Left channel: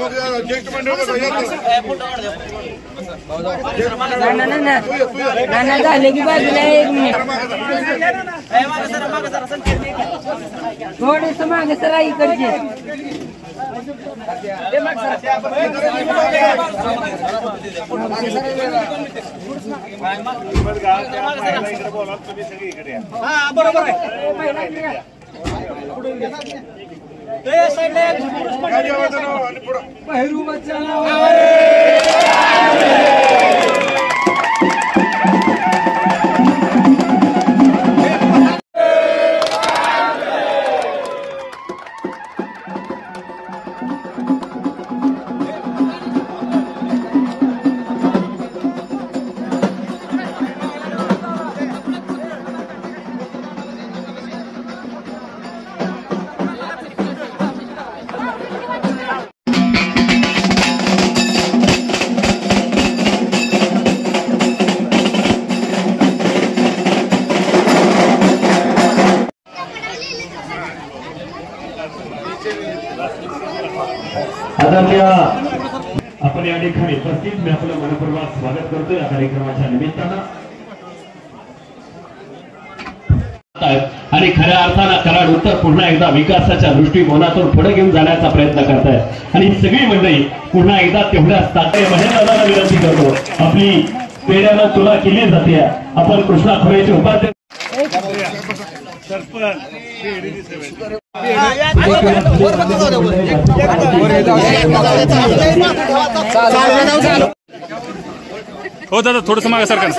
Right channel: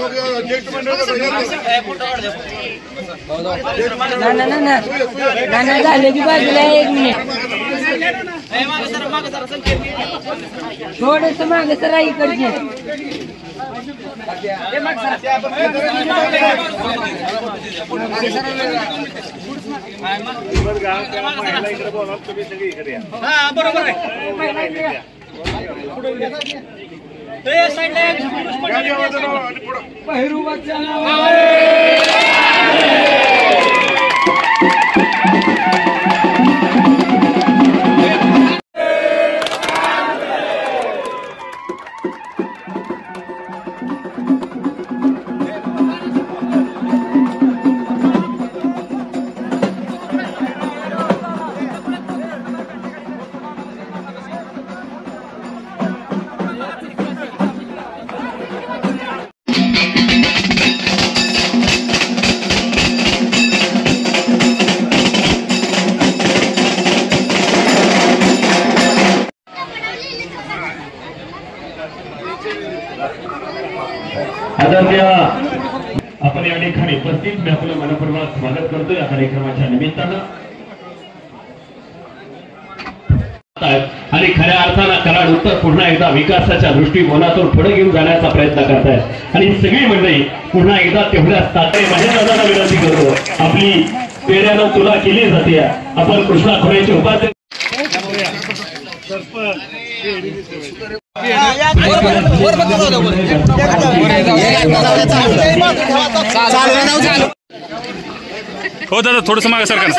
ज्येष्ठ मंडळ झाले की बाजूला थोडस मागे सर इकडचे बरोबर आदरणीय आपण या ठिकाणी उपस्थित मी आपलं मनपूर्वक स्वागत करतो या कार्यक्रमाच्या निमित्तानं आणि खऱ्या अर्थानं कराड उत्तर पुन्हा एकदा विकासाच्या दृष्टिकोनातून पुढे घेऊन जाण्याचा प्रयत्न करत आहे आणि सगळी मंडळी पुन्हा एकदा तेवढ्याच ताकदीने महेंद्रदादांना विनंती करतो आपली पेढ्यानं तुला केली जाते आपण कृष्णा खोरेचे उपाध्यक्ष हो दादा थोडस मागे सरकार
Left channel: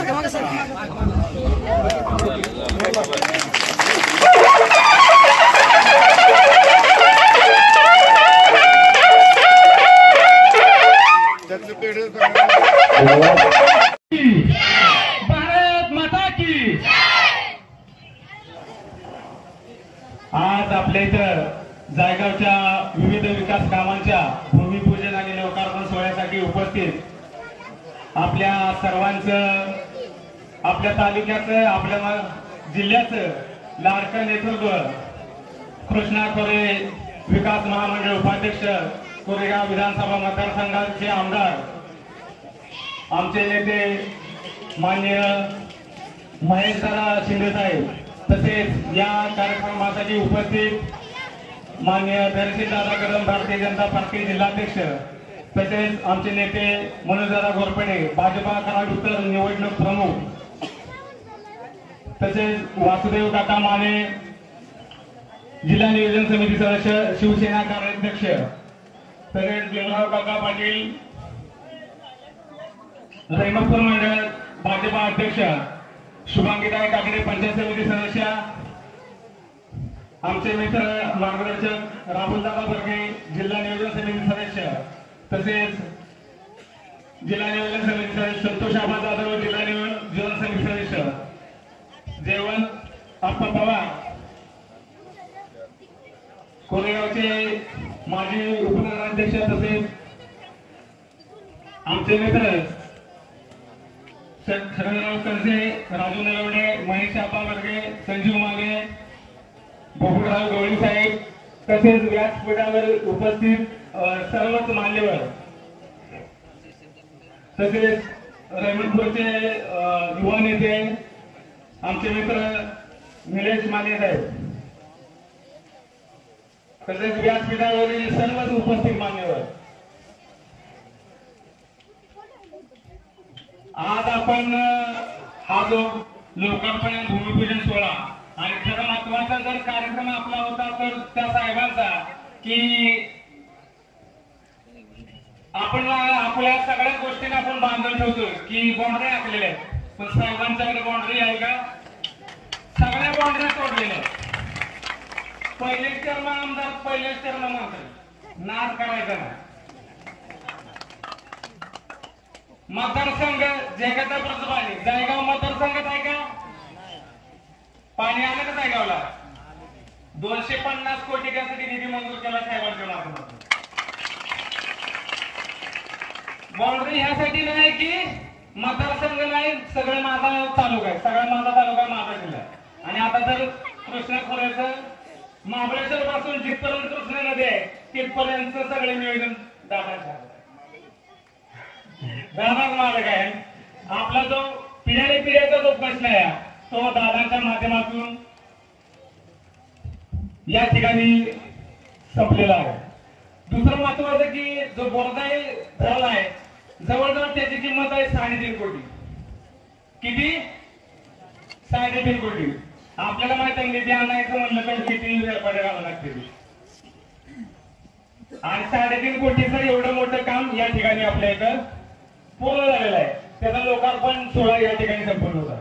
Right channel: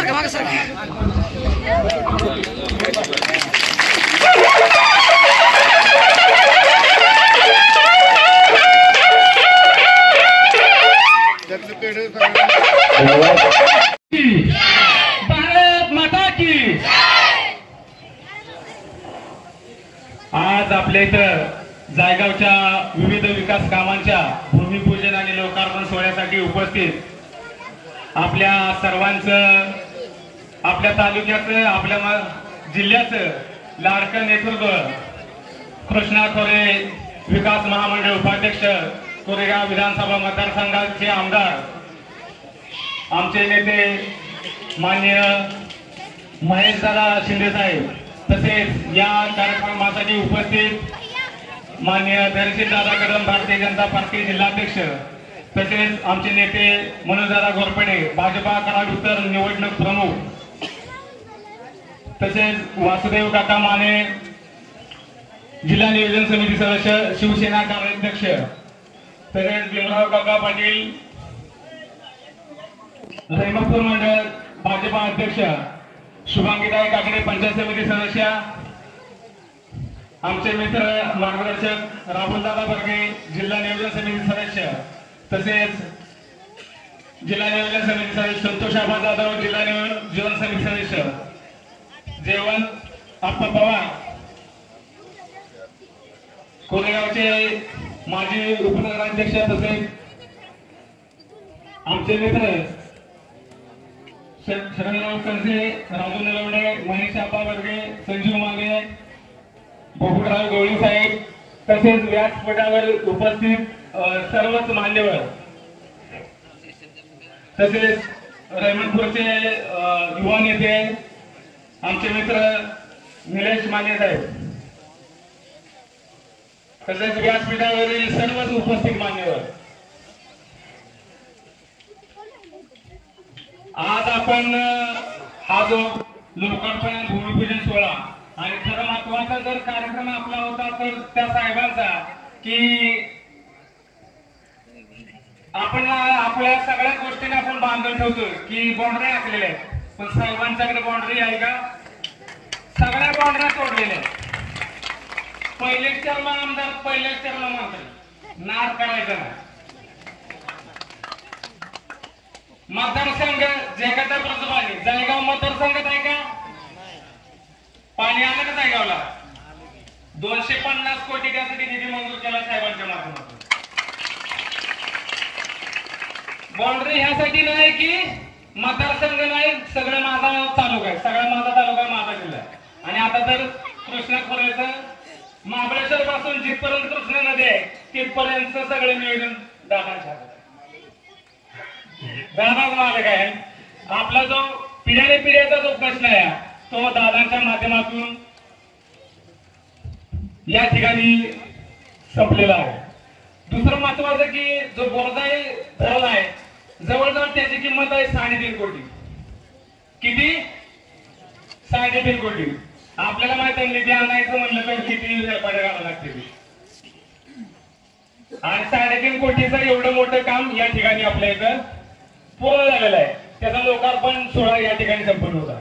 भारत माता की आज आपल्या इथं जायगावच्या विविध विकास कामांच्या भूमिपूजन आणि लोकार्पण सोहळ्यासाठी उपस्थित आपल्या सर्वांचं आपल्या तालुक्याचं आपल्या जिल्ह्याचं लाडकं नेतृत्व कृष्णा खोरे विकास महामंडळ उपाध्यक्ष कोरेगाव विधानसभा मतदारसंघाचे आमदार आमचे नेते माननीय महेशदादा शिंदे साहेब तसेच या कार्यक्रमासाठी उपस्थित माननीय धैर्यशीलदादा कदम भारतीय जनता पार्टी जिल्हाध्यक्ष तसेच आमचे नेते मनोजदादा घोरपडे भाजपा कराड उत्तर निवडणूक प्रमुख तसेच वासुदेव काका माने जिल्हा नियोजन समिती सदस्य शिवसेना कार्याध्यक्ष तसेच भीमराव काका पाटील रेणुपूर मंडळ भाजपा अध्यक्ष शुभांगीताई काकडे पंचायत समिती सदस्य आमचे मित्र मार्गदर्शक राहुलदादा बर्गे जिल्हा नियोजन समिती सदस्य तसेच जिल्हा नियोजन समिती सदस्य संतोष आबा जाधव जिल्हा नियोजन समिती सदस्य जयवंत आप्पा पवार कोरेगावचे माजी उपनगराध्यक्ष तसेच आमचे मित्र शरणराव कंसे राजू नलवडे महेश आप्पा बर्गे संजीव मागे बोबडराव गवळी साहेब तसेच व्यासपीठावर उपस्थित सर्वच मान्यवर तसेच रेमणपूरचे युवा नेते आमचे मित्र निलेश माने साहेब तसेच व्यासपीठावरील सर्वच उपस्थित मान्यवर आज आपण हा जो लोकार्पण भूमिपूजन सोहळा आणि खरं महत्वाचा जर कार्यक्रम आपला होता तर त्या साहेबांचा की आपण आपल्या सगळ्या गोष्टींना आपण बांधून ठेवतो की बाउंड्री आखलेल्या आहेत पण साहेबांच्याकडे बाउंड्री आहे का सगळ्या बाउंड्री तोडलेल्या आहेत पहिलेच टर्म आमदार पहिलेच टर्म मंत्री नाद करायचा ना मतदारसंघ जयगदापुरचं पाणी जायगाव मतदारसंघात आहे का पाणी आलं का जायगावला 250 कोटी त्यासाठी निधी मंजूर केला साहेबांच्या माध्यमातून बाउंड्री ह्यासाठी नाही की मतदारसंघ नाही सगळं माझा तालुका आहे सगळा माझा तालुका माझा जिल्हा आहे आणि आता जर कृष्णा खोऱ्याचं महाबळेश्वर पासून जिथपर्यंत कृष्णा नदी आहे तिथपर्यंत सगळे नियोजन दादांच्या दादा आलं काय आपला जो पिढ्याने पिढ्याचा जो प्रश्न आहे तो दादांच्या माध्यमातून या ठिकाणी संपलेला आहे. दुसरं महत्वाचं की जो बोरदाई धरण आहे जवळजवळ त्याची किंमत आहे 3.5 कोटी. किती? 3.5 कोटी. आपल्याला माहित आहे निधी आणायचं म्हणलं तर किती रुपये घालावं लागते आणि 3.5 कोटीचं एवढं मोठं काम या ठिकाणी आपल्या इथं पूर्ण झालेलं आहे. त्याचा लोकार्पण सोहळा या ठिकाणी संपन्न होता.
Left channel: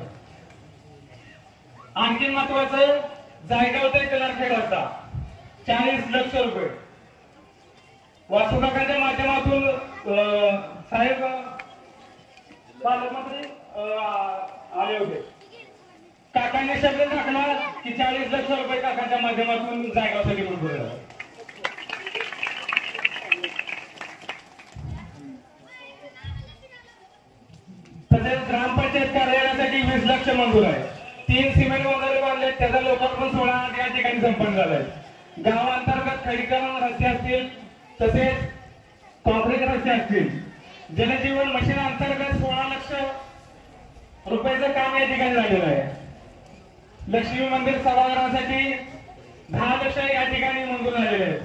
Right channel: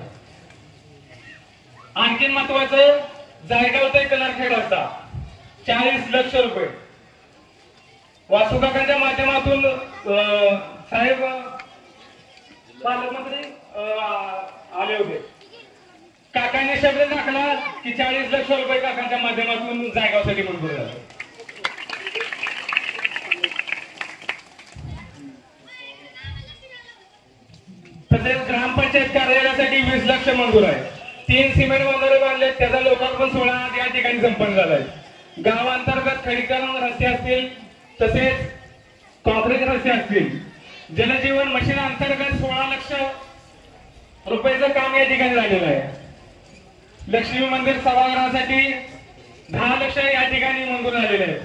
आणखी महत्वाचं जायगाव ते कलरखेड रस्ता 40 लक्ष रुपये वासुकाकाच्या माध्यमातून साहेब पालकमंत्री आले होते. काकांनी शब्द टाकला की 40 लक्ष रुपये काकांच्या माध्यमातून जायगावसाठी मंजूर झाले. तसेच ग्रामपंचायत कार्यालयासाठी 20 लक्ष मंजूर आहे. 3 सिमेंट बंधारे बांधले त्याचा लोकार्पण सोहळा या ठिकाणी संपन्न झालाय. गावांतर्गत खडीकरण रस्ते असतील तसेच कॉन्क्रीट रस्ते असतील. जलजीवन मिशन अंतर्गत 16 लक्ष रुपयाचं काम या ठिकाणी झालेलं आहे. लक्ष्मी मंदिर सभागृहासाठी 10 लक्ष या ठिकाणी मंजूर झालेले आहेत.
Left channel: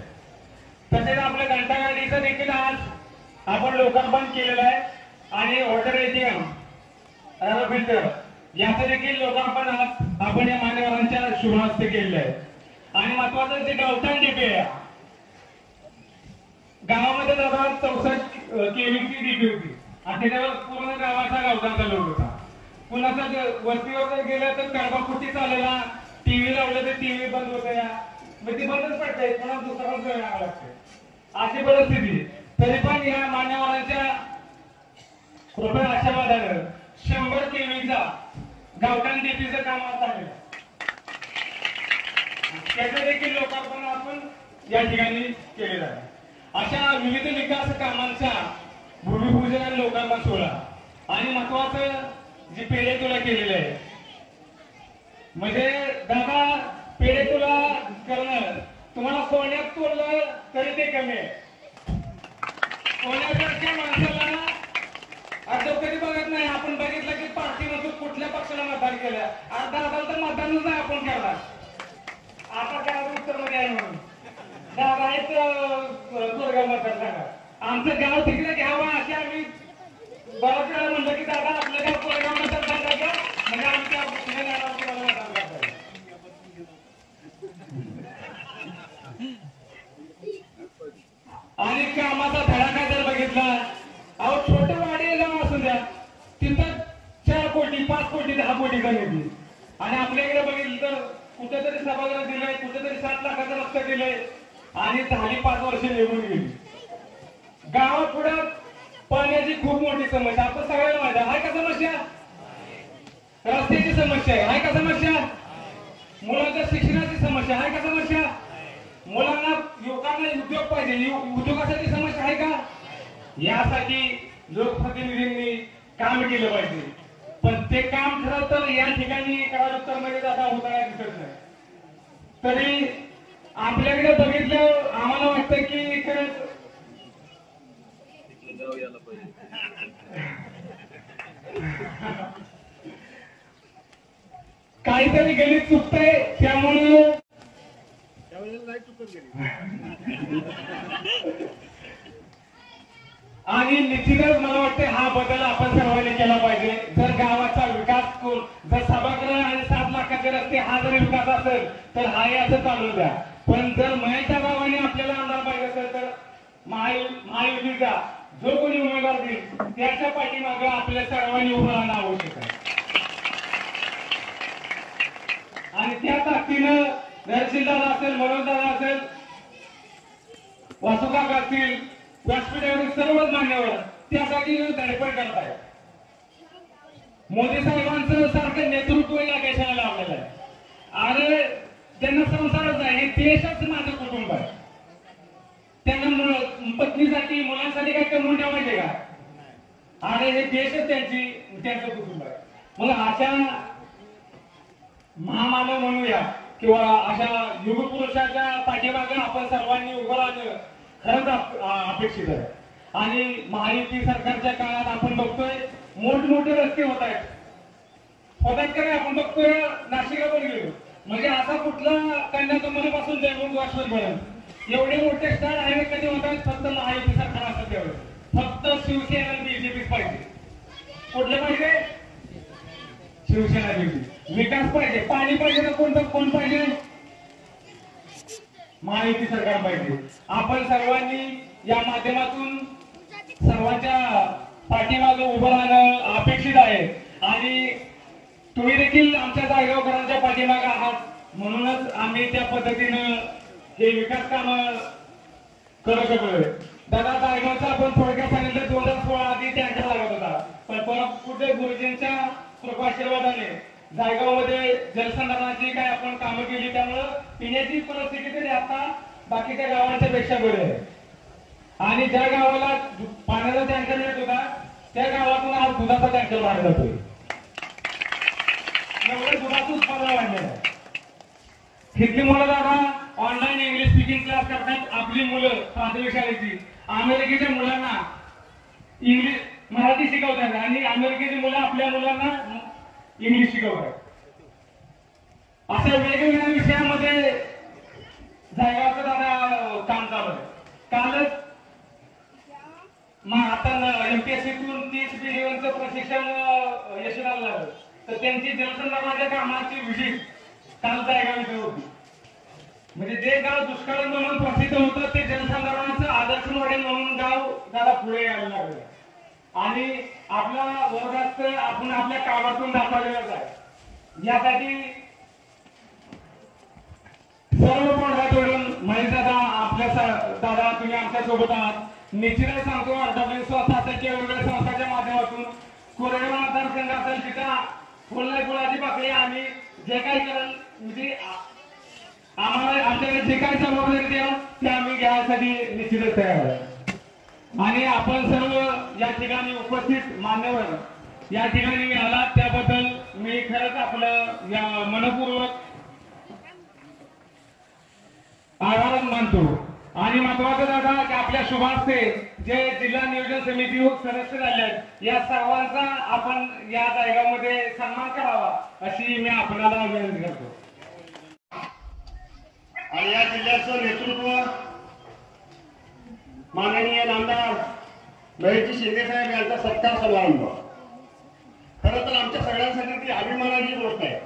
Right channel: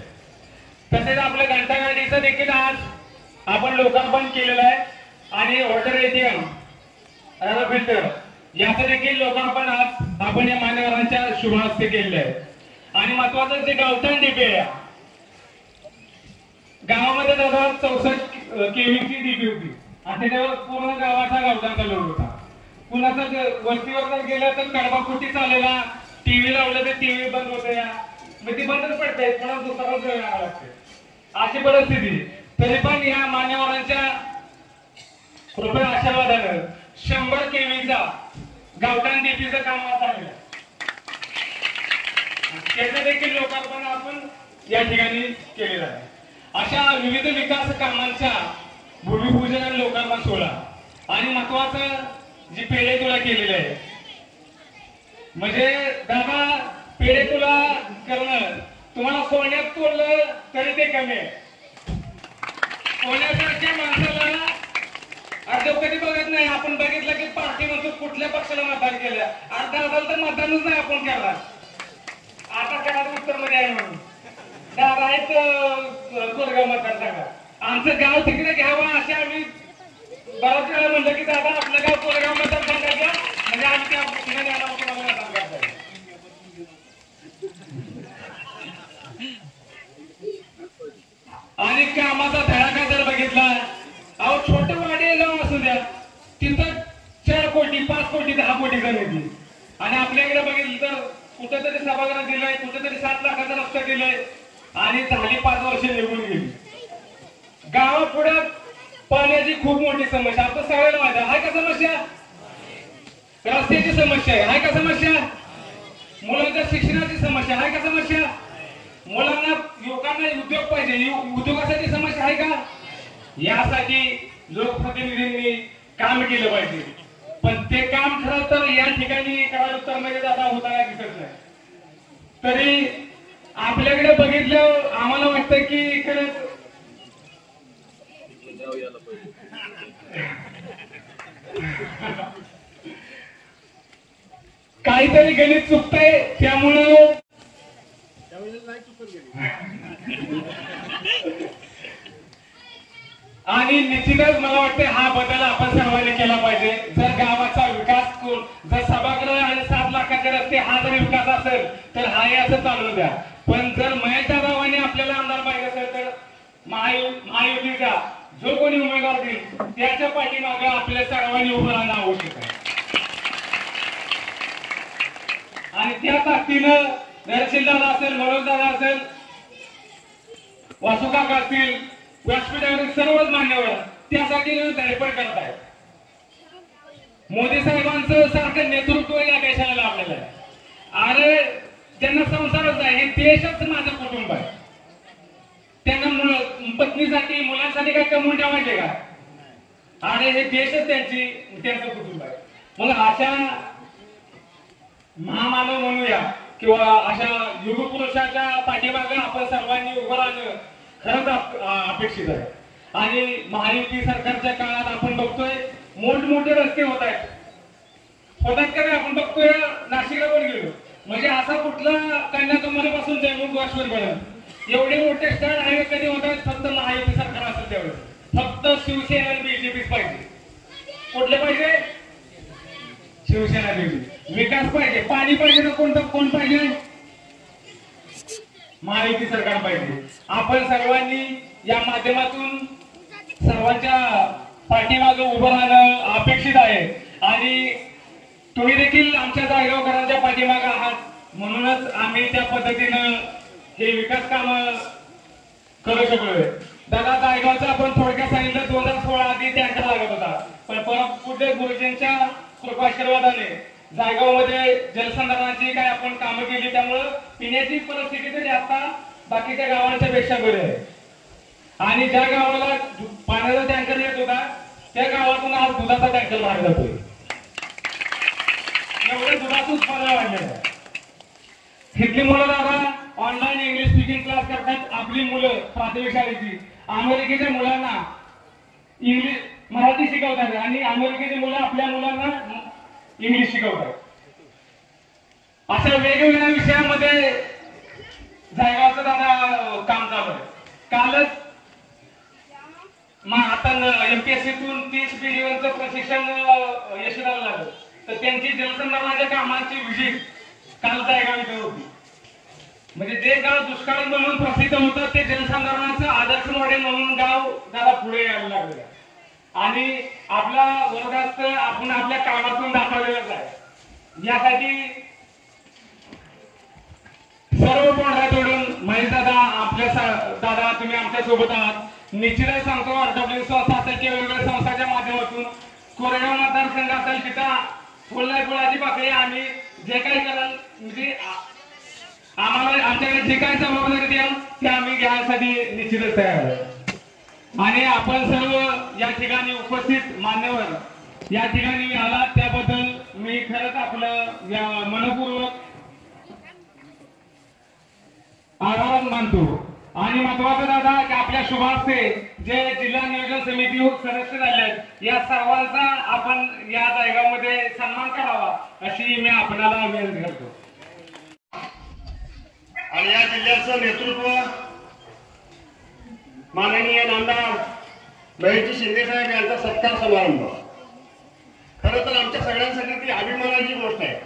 तसेच आपल्या घंटागाडीचं देखील आज आपण लोकार्पण केलेलं आहे आणि वॉटर एटीएम फिल्टर याचं देखील लोकार्पण आज आपण या मान्यवरांच्या शुभ हस्ते केलेलं आहे. आणि महत्वाचं जे गावठाण डीपी आहे गावामध्ये दादा 64 केव्हीची डीपी होती आणि त्याच्यावर पूर्ण गावाचा गावठाण चालू होता. कुणाचा वस्तीवर जर गेला तर कडबाकुटी चाललेला टीव्ही लावलं तर टीव्ही बंद होत या मग ती बंदच पडते पुन्हा दुसरा वेळ लागावा लागते अशी परिस्थिती. तरी पण या मान्यवरांच्या कृपया आशीर्वादानं 100 केव्हीचा गावठाण डीपीचं काम चालू त्याचं देखील लोकार्पण आपण या ठिकाणी केलेलं आहे. अशा विविध विकास कामांच्या भूमिपूजन आणि लोकार्पण सोहळा आणि महत्वाचं जी पेढे तुला केलेलं आहे म्हणजे दादा पेढे तुला करणं तुम्हाला सोन्यात तोडलं तरी ते कमी आहे. सोन्यासारख्या माणसाला अर्धव कधी बघत नाही. आपण बघितलं की पार्टी मधून कुठल्या पक्षाला मतदान केलं दादा तर मतदानच नाही आपण करणार. आता काय उत्तर मध्ये आहे म्हणून दादा आहेत कोरेगाव मतदारसंघात आमचं गाव तिकडे घ्यावं असे आम्ही बऱ्याच वेळा म्हणलं की दादा आपलं गाव कोरेगाव मतदारसंघात घ्या म्हणजे आमच्या मतदान करता येईल. आणि कामाचा धडाका जर बघितला अहो छोटे वाडे लावून असू द्या तिथं 4 कोटी 5 कोटी 10 कोटीचा निधी आणि आपल्याकडे बघितलं तर कुठेतरी सभागृह दिलंय कुठेतरी 7 लाखाचा रस्ता दिलंय आणि झाली 5 वर्ष निघून गेली. गावापुढ्यात पाण्याची खूप मोठी समस्या आता सगळ्याला माहिती आहे का समस्या रस्त्याची समस्या आहे का समस्या मुलांच्या शिक्षणाची समस्या आहे का समस्या मुलांना युवकांना उद्योग पाहिजे उद्योगासाठी समस्या आहे का. यासाठी लोकप्रतिनिधींनी काम केलं पाहिजे पण ते काम खरं तर या ठिकाणी उत्तरमध्ये दादा होताना दिसत नाही. तरी आपल्याकडे बघितलं आम्हाला वाटतं की इकडे काहीतरी गणित चुकतंय त्यामुळं आणि निश्चितच मला वाटतं हा बदल आपण सर्वांनी केला पाहिजे. जर गावाचा विकास जर सभागृह आणि 7 लाखाचे रस्ते हा जर विकास असेल तर हाही असं चालू द्या. पण जर महेश दादांनी आपल्याला आमदार पाहिजे असेल तर महायुतीचा जो कोणी उमेदवार देईल त्याच्या पाठीमागे आपल्या सर्वांनी उभं राहणं आवश्यक आहे. आणि त्या ताकदीनं नरसिंहदादा असेल मनोजदादा असेल वासुकाका असतील व्यासपीठावर सर्वच मान्यवर त्यासाठी धडपड करत आहेत. मोदी साहेबांचं सारखं नेतृत्व या देशाला लाभलेलं आहे. अरे त्यांना संसारच आहे हे देशच माझं कुटुंब आहे. त्यांना पत्नीसाठी मुलांसाठी काय कमवून ठेवायचे का अरे हे देशच त्यांचं कुटुंब आहे. मग अशा महामानव म्हणूया किंवा अशा युगपुरुषाच्या पाठीमागे आपण सर्वांनी उभं राहणं खरंच अपेक्षित आहे. आणि महायुती सरकारच्या काळात आपण बघतोय मोठमोठे रस्ते होत आहेत का नाही. आपण बघतोय नाशिकला पण गेलो म्हणजे असा कुठला कन्याकुमारीपासून जयमुख पर्यंत एवढे मोठे स्टँड हायवे कधी होत आहेत फक्त महायुती सरकार असेल तेवढे. फक्त शिवसेना आणि बीजेपीच पाहिजे. कुठले पाहिजे? शिवसेना बीजेपी. विकास पाहिजे, पाणी पाहिजे ना कोण पाहिजे? महायुती सरकार पाहिजे. आपण सर्वांनी या माध्यमातून सर्वांच्या पाठीमागे उभं राहणं अपेक्षित आहे. आणि तुम्ही देखील आमच्या जायगावकरांच्या पाठीमागे आहात म्हणूनच आम्ही त्या पद्धतीनं हे विकास काम करू शकलोय. दादा जायगावचं आपण थोडक्यात सांगितलं 2016 आधी टँकर लागत होता पण परत पुढे गुरुजींच्या कृपाशीर्वादाने जायगावमध्ये जलसंधारणाची काय आपण कामं केली त्यामुळं पिण्याची परिस्थिती तरी आता बाकीच्या गावांच्या पेक्षा बरी आहे. आणि ज्या गावाला पाण्याचा टँकर येत होता त्या गावातून आज दुधाचा टँकर बाहेर जातोय. एवढे दुधाचं उत्पादन वाढलेलं आहे. तिथली मुलं दादा ऑनलाईन इंग्लिश स्पीकिंग क्लास करतात. आपली मुलं प्राथमिक शाळेची अमेरिकेच्या मुलांना इंग्लिश मराठी शिकवतात आणि अमेरिकेची मुलं आपल्या मुलांना इंग्लिश शिकवतात. अशा वेगवेगळ्या विषयामध्ये जायगावचं दादा काम चालू आहे. कालच आता MPSCतून 30 बिलियनचं प्रशिक्षण यशस्वी झालं तर त्यांची जलसंधारणाच्या कामाची व्हिजिट काल जायगाव इथे होती. म्हणजे जे गाव दुष्काळी म्हणून प्रसिद्ध होतं ते जलसंधारणाचं आदर्श मॉडेल म्हणून गाव त्याला पुढे यायला लागलं. आणि आपला वर्गात आपण आपल्या कामातून दाखवलेलंच आहे. यासाठी सर्व पांढऱ्या तोडून महेश दादा आपल्या दादा तुम्ही आमच्या सोबत आहात. निश्चितच सांगतो RW संस्था असेल किंवा वेगवेगळ्या संस्थांच्या माध्यमातून कोरेगाव मतदारसंघ असेल तिथं फुलाची पाकळी आणि जे काही करण म्हणजे आम्हाला आमच्याकडे जे काही जबाबदारी द्याल ते आम्ही घ्यायसाठी निश्चितच तयार आहे. आणि आपण सर्व या ठिकाणी उपस्थित मान्यवर या ठिकाणी आलात त्याबद्दल मी खरंच आपलं या मनपूर्वक आभार मानतो. आणि महत्वाचं दादा की आपल्या शुभास्ते जे जिल्हा नियोजन समिती सदस्य झाले आहेत या सर्वांचा आपण या जायगामध्ये सन्मान करावा अशी मी आपल्याला विनंती करतो. आणि या जिल्ह्याचं नेतृत्व माननीय नामदार महेशजी शिंदे साहेब यांचा सत्कार समारंभ खरं तर आमच्या सगळ्यांसाठी ती अभिमानाची गोष्ट आहे.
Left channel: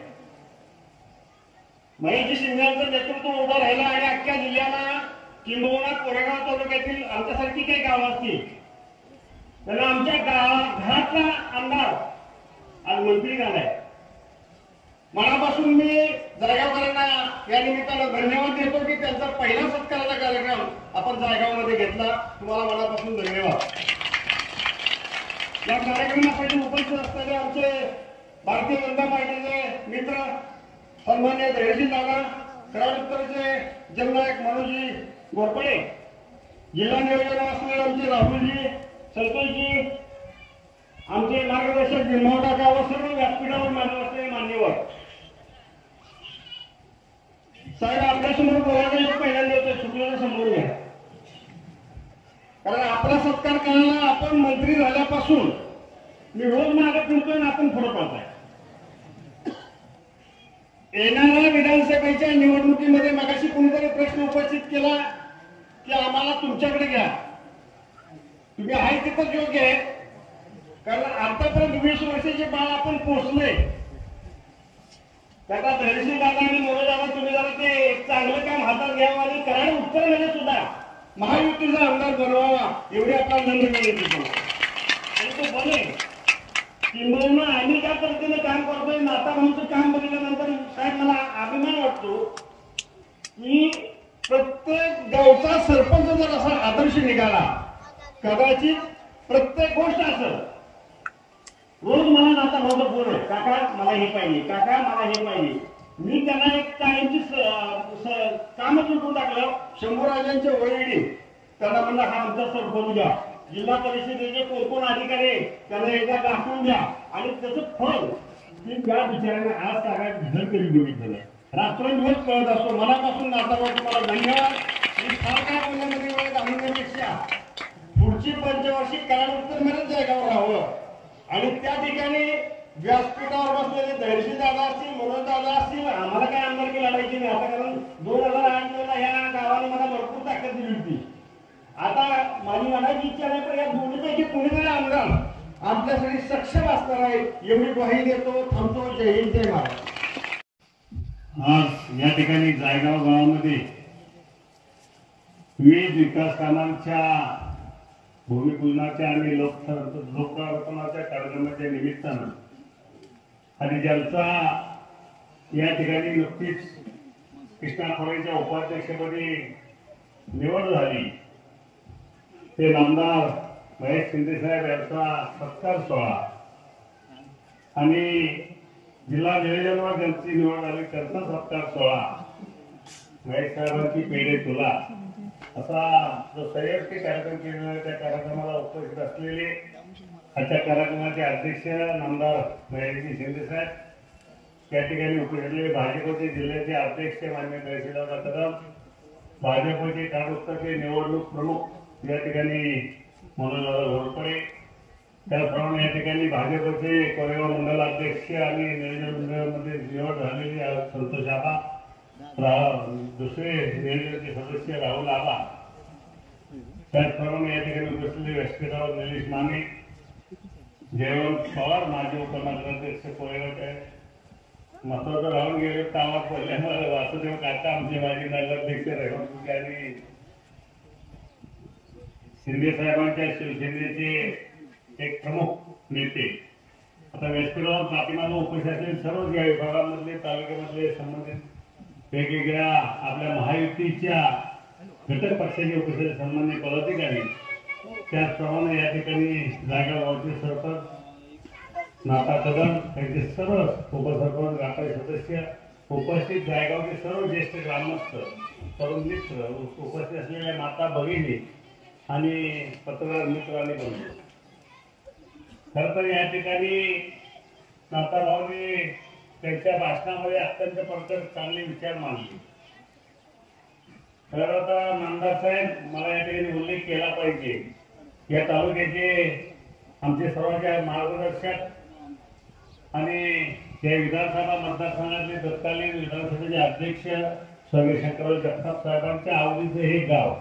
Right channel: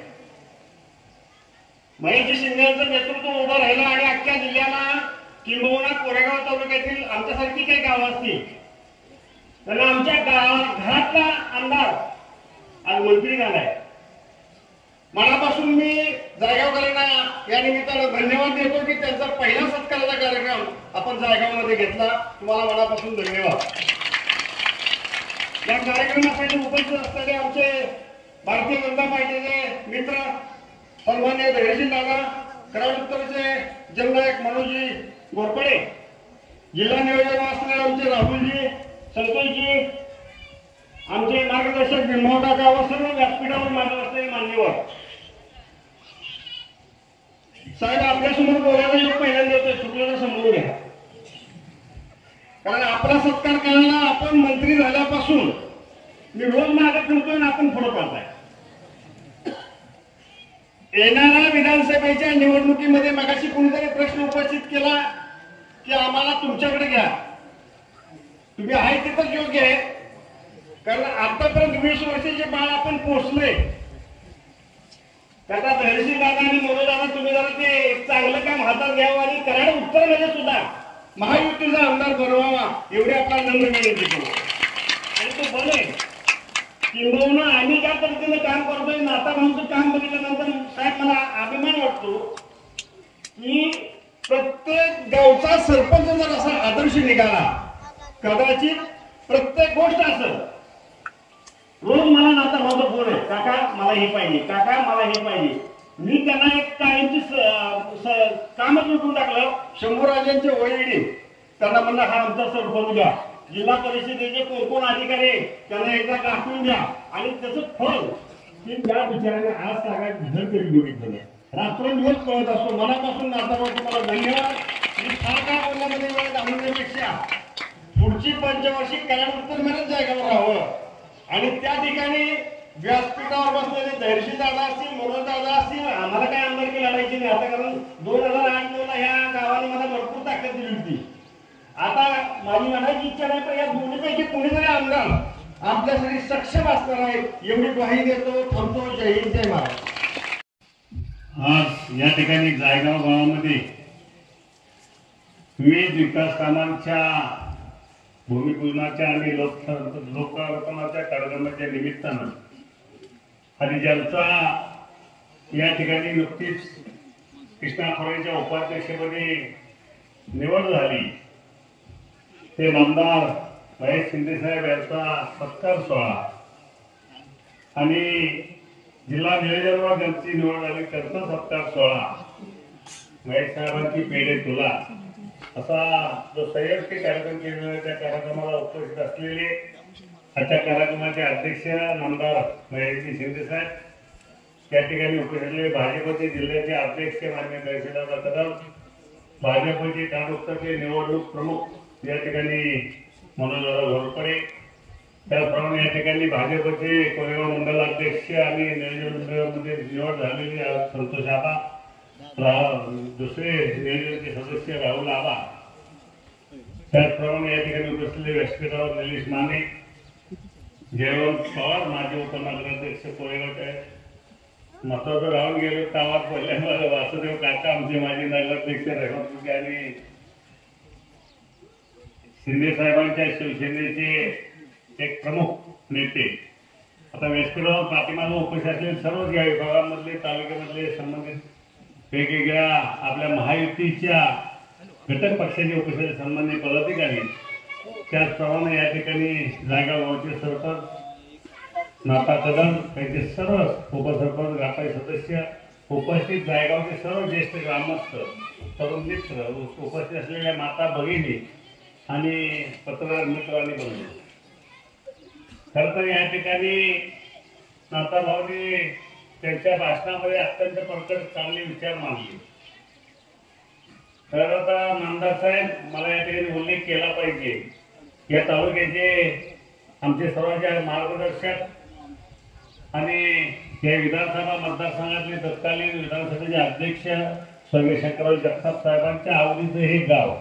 महेशजी शिंदे यांचं नेतृत्व उभं राहिलं आणि अख्ख्या जिल्ह्याला किंबहुना कोरेगाव तालुक्यातील आमच्यासारखी काही गावं असतील त्यांना आमच्या घरातला आमदार आज मंत्री झालाय. मनापासून मी जायगावकरांना या निमित्तानं धन्यवाद देतो की त्यांचा पहिला सत्काराचा कार्यक्रम आपण जायगावमध्ये घेतला. तुम्हाला मनापासून धन्यवाद. या कार्यक्रमासाठी उपस्थित असणारे आमचे भारतीय जनता पार्टीचे मित्र सन्मान्य धैर्यशील दादा, कराड उत्तरचे जननायक मनोजी घोरपडे, जिल्हा नियोजन असणारे आमचे राहुलजी, संतोषजी, आमचे मार्गदर्शक भीमभाऊ काका व सर्व व्यासपीठावर मान्य असलेले मान्यवर साहेब आपल्यासमोर बोलायला एक पहिल्यांदा येतोय. चुकलेलं समजून घ्या. कारण आपला सत्कार करायला आपण मंत्री झाल्यापासून मी रोज मागे फिरतोय आणि आपण पुढे पडताय. येणाऱ्या विधानसभेच्या निवडणुकीमध्ये मगाशी कोणीतरी प्रश्न उपस्थित केला की आम्हाला तुमच्याकडे घ्या. तुम्ही आहे तिथंच योग्य आहे. कारण आतापर्यंत 20 वर्षाचे बाळ आपण पोचलोय. त्याचा धैर्यशील दादा आणि मोरे दादा तुम्ही जरा ते चांगलं काम हातात घ्यावं आणि कराड उत्तरमध्ये सुद्धा महायुतीचा आमदार बनवावा एवढी आपल्याला नम्र विनंती करतो. आणि तो बने किंबहुना आम्ही ज्या पद्धतीने काम करतोय नाता भाऊचं काम बघितल्यानंतर साहेब मला अभिमान वाटतो की प्रत्येक गावचा सरपंच जर असा आदर्श निघाला कदाचित प्रत्येक गोष्ट असं रोज मला नाता भाऊचा फोन आहे, काका मला हे पाहिजे, काका मला हे पाहिजे. मी त्यांना एक कायमची कामच उठून टाकलं. शंभूराजांचे वडील त्यांना म्हणलं हा आमचा सरपंच द्या. जिल्हा परिषदेचे कोण अधिकारी त्यांना एकदा दाखवून द्या आणि त्याचं फळ की त्या बिचाऱ्यांना आज सगळ्यात घर तरी बघितलं नाही. रात्रंदिवस कळत असतो. मनापासून नाताभाऊ तुम्हाला धन्यवाद. फार काय बोलण्यामध्ये वेळ घालवण्यापेक्षा पुढची पंचवार्षिक कराड उत्तरमध्येच जागेवर राहावं आणि त्या ठिकाणी व्यासपीठावर बसलेले धैर्यशील दादा असतील, मनोज दादा असतील, आम्हाला काय आमदारकी लढायची नाही आता, कारण 2008-9 ला ह्या गावाने मला भरपूर ताकद दिली होती. आता माझी म्हणायची इच्छा नाही, पण या दोन्हीपैकी कोणीतरी आमदार आपल्यासाठी सक्षम असणार आहे एवढी ग्वाही देतो. थांबतो. जय हिंद, जय महाराष्ट्र. आज या ठिकाणी जायगाव गावामध्ये विविध विकास कामांच्या भूमिपूजनाच्या आणि लोकार्पणाच्या कार्यक्रमाच्या निमित्तानं आणि ज्यांचा या ठिकाणी नुकतीच कृष्णा खोरेच्या उपाध्यक्षपदी निवड झाली ते नामदार महेश शिंदेसाहेब यांचा सत्कार सोहळा आणि जिल्हा नियोजनवर ज्यांची निवड झाली त्यांचा सत्कार सोहळा, महेश साहेबांची पेढे तुला असा जो संयुक्त कार्यक्रम केलेला आहे त्या कार्यक्रमाला उपस्थित असलेले आजच्या कार्यक्रमाचे अध्यक्ष नामदार महेशजी शिंदेसाहेब, त्या ठिकाणी उपस्थित असलेले भाजपचे जिल्ह्याचे अध्यक्ष माननीय तहसीलदार कदम, भाजपचे कागोदरचे निवडणूक प्रमुख या ठिकाणी मनोजदादा घोरपडे, त्याचप्रमाणे या ठिकाणी भाजपचे कोरेगाव मंडल अध्यक्ष आणि नियोजन मंडळामध्ये निवड झालेली संतोष आबा, दुसरे नियोजनाचे सदस्य राहुल आबा, त्याचप्रमाणे या ठिकाणी उपस्थित व्यासपीठावर निलेश माने, जयवंत पवार माजी उपनगराध्यक्ष कोरेगावचे, महत्वाचं राहून गेले गावात पहिल्यांदा वासुदेव काका आमचे माजी नगराध्यक्ष रेवंत आणि शिंदे साहेबांच्या शिवसेनेचे एक प्रमुख नेते. आता व्यासपीठावर पाठीमागे उपस्थित असलेले सर्व या विभागामधले तालुक्यामधले संबंधित वेगवेगळ्या आपल्या महायुतीच्या घटक पक्षाचे उपस्थित संबंधित पदाधिकारी, त्याचप्रमाणे या ठिकाणी जायगाव गावचे सरपंच नाता कदम त्यांचे सर्व उपसरपंच गावाचे सदस्य उपस्थित, जायगावचे सर्व ज्येष्ठ ग्रामस्थ, तरुण मित्र, उपस्थित असलेल्या माता भगिनी आणि पत्रकार मित्र आणि बंधू. खरं तर या ठिकाणी नाताभाऊंनी त्यांच्या भाषणामध्ये अत्यंत प्रकट चांगले विचार मांडले. खरं आता नामदार साहेब, मला या ठिकाणी उल्लेख केला पाहिजे, या तालुक्याचे आमचे सर्वांचे मार्गदर्शक आणि या विधानसभा मतदारसंघातले तत्कालीन विधानसभेचे अध्यक्ष स्वर्गीय शंकरराव जगताप साहेबांच्या आवडीचं हे गाव,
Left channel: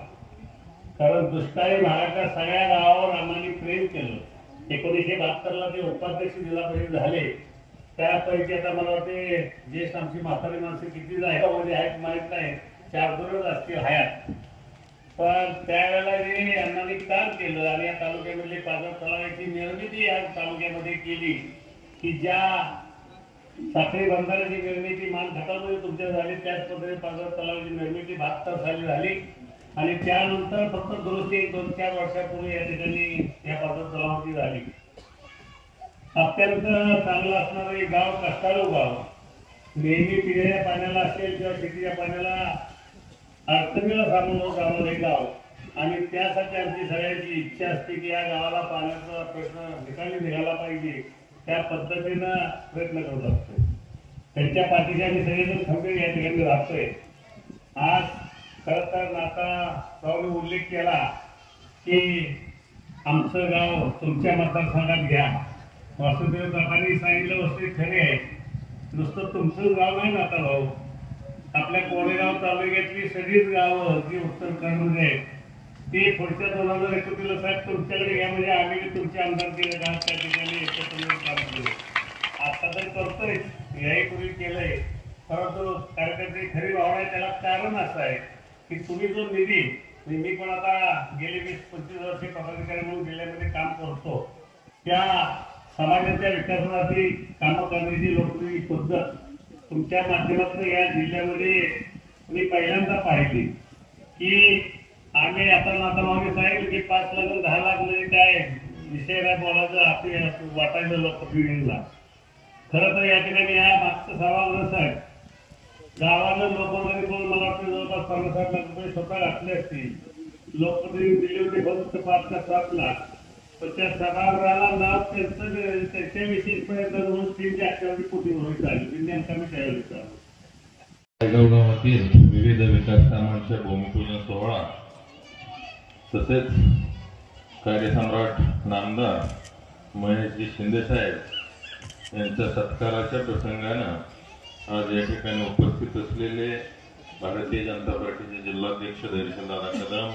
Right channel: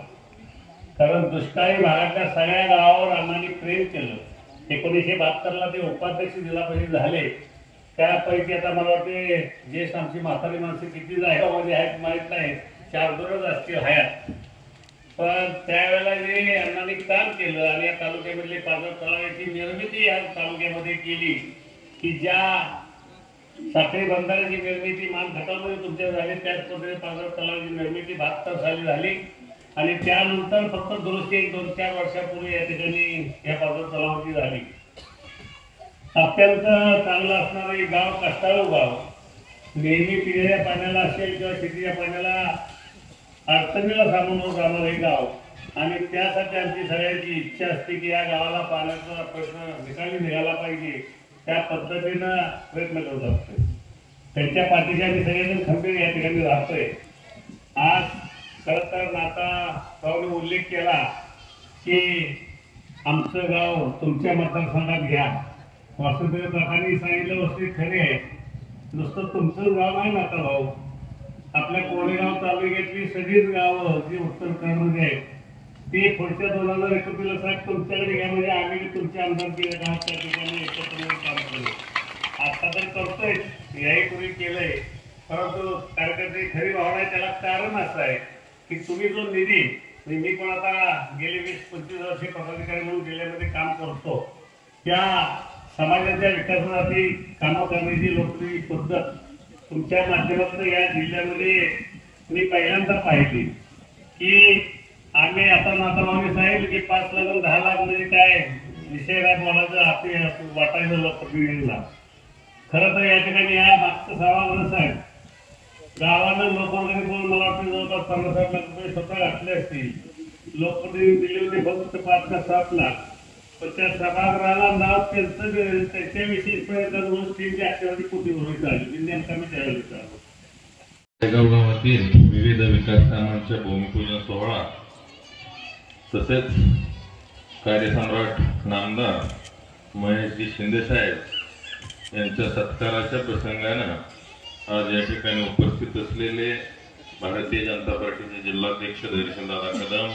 कारण दुष्काळी भागातल्या सगळ्या गावावर आम्हाला प्रेम केलं. 1972 ला ते उपाध्यक्ष जिल्हा परिषद झाले. त्यापैकी आता मला वाटते ज्येष्ठ आमची म्हातारी माणसं किती जायगामध्ये आहेत माहीत नाही, 4-2 असतील हयात, पण त्यावेळेला जे अण्णांनी काम केलं आणि या तालुक्यामधले पाझर तलावाची निर्मिती या तालुक्यामध्ये केली की ज्या साखळी बंधाऱ्याची निर्मिती मान खटावमध्ये तुमच्या झाली, त्याच पद्धतीने पाझर तलावाची निर्मिती 72 साली झाली आणि त्यानंतर फक्त दुरुस्ती 2-4 वर्षापूर्वी या ठिकाणी या पाझर तलावाची झाली. अत्यंत चांगलं असणारे गाव, कष्टाळू गाव, नेहमी पिण्याच्या पाण्याला असेल किंवा शेतीच्या पाण्याला अडचणीला सामोरं जाणारे गाव आणि त्यासाठी आमची सगळ्यांची इच्छा असते की या गावाला पाण्याचा प्रश्न निकाली निघाला पाहिजे, त्या पद्धतीनं प्रयत्न करत असतो. त्यांच्या पाठीशी आम्ही सगळेजण खंबीर या ठिकाणी राहतोय. आज खरं तर नाताभाऊने उल्लेख केला की आमचं गाव तुमच्या मतदारसंघात घ्या. वासुदेव काकांनी सांगितलं वस्तू खरे आहे, नुसतं तुमचंच गाव नाही नाताभाऊ, आपल्या कोरेगाव तालुक्यातली सगळीच गावं जी उत्तर कर्नाटक आहेत ते पुढच्या 2031 साहेब तुमच्याकडे घ्या, म्हणजे आम्ही तुमच्या आमदारकीला गावात त्या ठिकाणी एकत्र काम करू. आता तर करतोय, याही पूर्वी केलंय, परंतु कार्यकर्ते खरी भावना आहे. त्याला कारण असं आहे की तुम्ही जो निधी, मी पण आता गेले 20-25 वर्षे पदाधिकारी म्हणून जिल्ह्यामध्ये काम करतो, त्या समाजाच्या विकासासाठी कामं करण्याची लोकप्रिय पद्धत तुमच्या माध्यमातून या जिल्ह्यामध्ये मी पहिल्यांदा पाहिली की आम्ही आता नाताभाऊने सांगितलं की 5 लाख 10 लाख म्हणजे काय विषय काय बोलायचं, हाती वाटायचं लोकप्रतिनिधीला. खरं तर या ठिकाणी या मागचं सर्वांना साहेब गावानं लोकवर्गणी करून मला वाटतं जवळपास 50-60 लाख रुपये स्वतः घातले असतील. लोकप्रतिनिधी दिले होते फक्त 5 का 7 लाख, पण त्या सभागृहाला नाव त्यांच्याविषयी 3 ते 4 कोटी रुपये चालले. नेमका मी त्यावेळेस नायगाव गावातील विविध विकास कामांच्या भूमिपूजन सोहळा तसेच कार्यसम्राट नामदार महेशजी शिंदेसाहेब यांच्या सत्काराच्या प्रसंगानं आज या ठिकाणी उपस्थित असलेले भारतीय जनता पार्टीचे जिल्हाध्यक्ष धैर्यशीलदादा कदम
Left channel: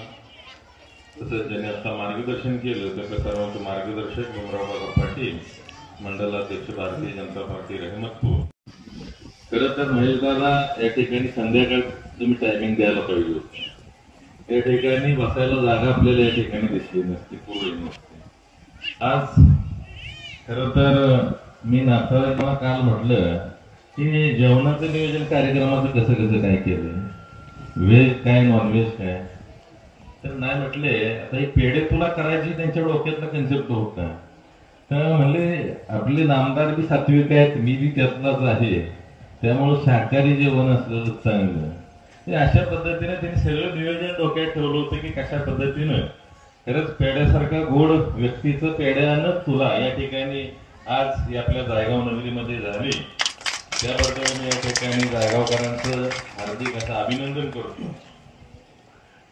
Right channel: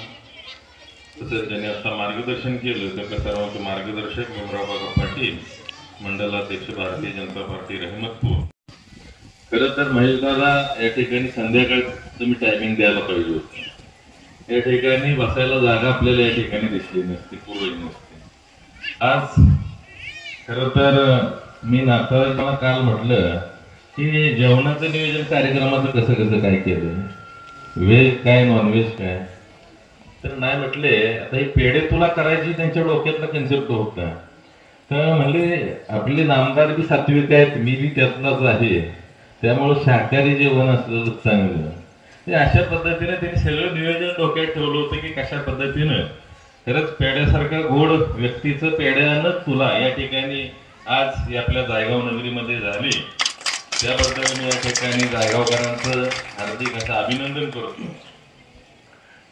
तसेच ज्यांनी आता मार्गदर्शन केलं त्या सर्वांचे मार्गदर्शक भीमराव काका पाटील, मंडलाध्यक्ष भारतीय जनता पार्टी रहमतपूर. खरं तर महेश दादा या ठिकाणी संध्याकाळ तुम्ही टायमिंग द्यायला पाहिजे होते. या ठिकाणी बसायला जागा आपल्याला या ठिकाणी दिसली नसती, पूर्वही नसते. आज खरं तर मी नाताळाला काल म्हटलं की जेवणाचं नियोजन कार्यक्रमाचं कसं कसं काय केलं, व्हेज काय नॉनव्हेज काय, तर नाही म्हटले आता ही पेढे तुला करायची त्यांच्या डोक्यातला कन्सेप्ट होता. तर म्हणले आपले नामदार बी सात्विक आहेत, मी बी त्यातलाच आहे, त्यामुळे शाकाहारी जेवण असलं चांगलं. ते अशा पद्धतीने त्यांनी सगळं नियोजन डोक्यात ठेवलं होतं की कशा पद्धतीनं खरंच पेढ्यासारखा गोड व्यक्तीचं पेढ्यानं तुला या ठिकाणी आज आपल्या जायगाव नगरीमध्ये झाली. त्याबद्दल मी या ठिकाणी जायगावकरांचं हार्दिक असं अभिनंदन करतो.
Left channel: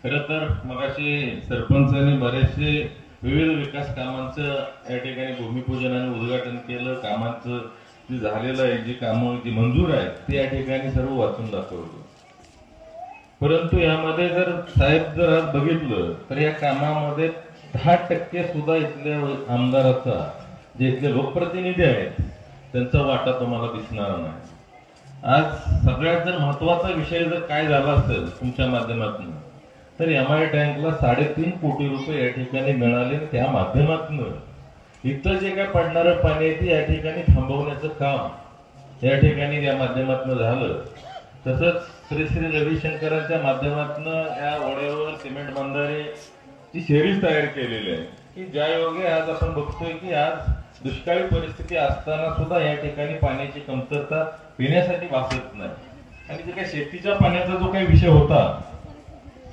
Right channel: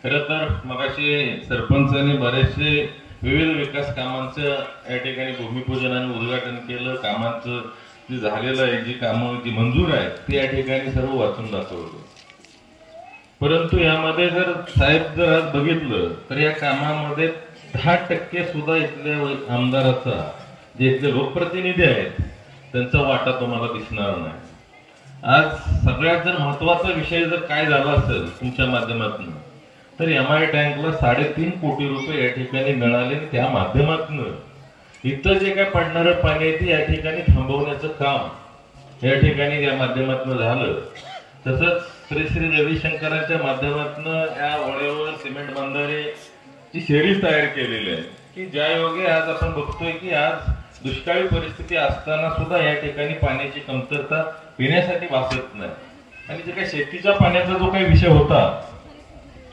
खरं तर मगाशी सरपंचांनी बरेचसे विविध विकास कामांचं या ठिकाणी भूमिपूजन आणि उद्घाटन केलं. कामांचं जे झालेलं आहे, जी कामं जी मंजूर आहेत ते या ठिकाणी सर्व वाचून दाखवलं. परंतु यामध्ये जर साहेब जर आज बघितलं तर या कामामध्ये 10% सुद्धा इथल्या आमदाराचा, जे इथले लोकप्रतिनिधी आहेत त्यांचा वाटा तुम्हाला दिसणार नाही. आज सगळ्यात जर महत्वाचा विषय जर काय झाला असेल तुमच्या माध्यमातून तर MI टँकला 3.5 कोटी रुपये या ठिकाणी मिळाले. त्या माध्यमातून इथं जे काय पडणारं पाणी आहे ते या ठिकाणी थांबवण्याचं काम या ठिकाणी या माध्यमातून झालं. तसंच श्री श्री रविशंकरांच्या माध्यमातून या ओढ्यावर सिमेंट बंधारेची शेरीज तयार केलेली आहे की ज्या योगे आज आपण बघतोय की आज दुष्काळी परिस्थिती असताना सुद्धा या ठिकाणी पाण्याची कमतरता पिण्यासाठी भासत नाही. आणि जे काही शेतीच्या पाण्याचा जो काही विषय होता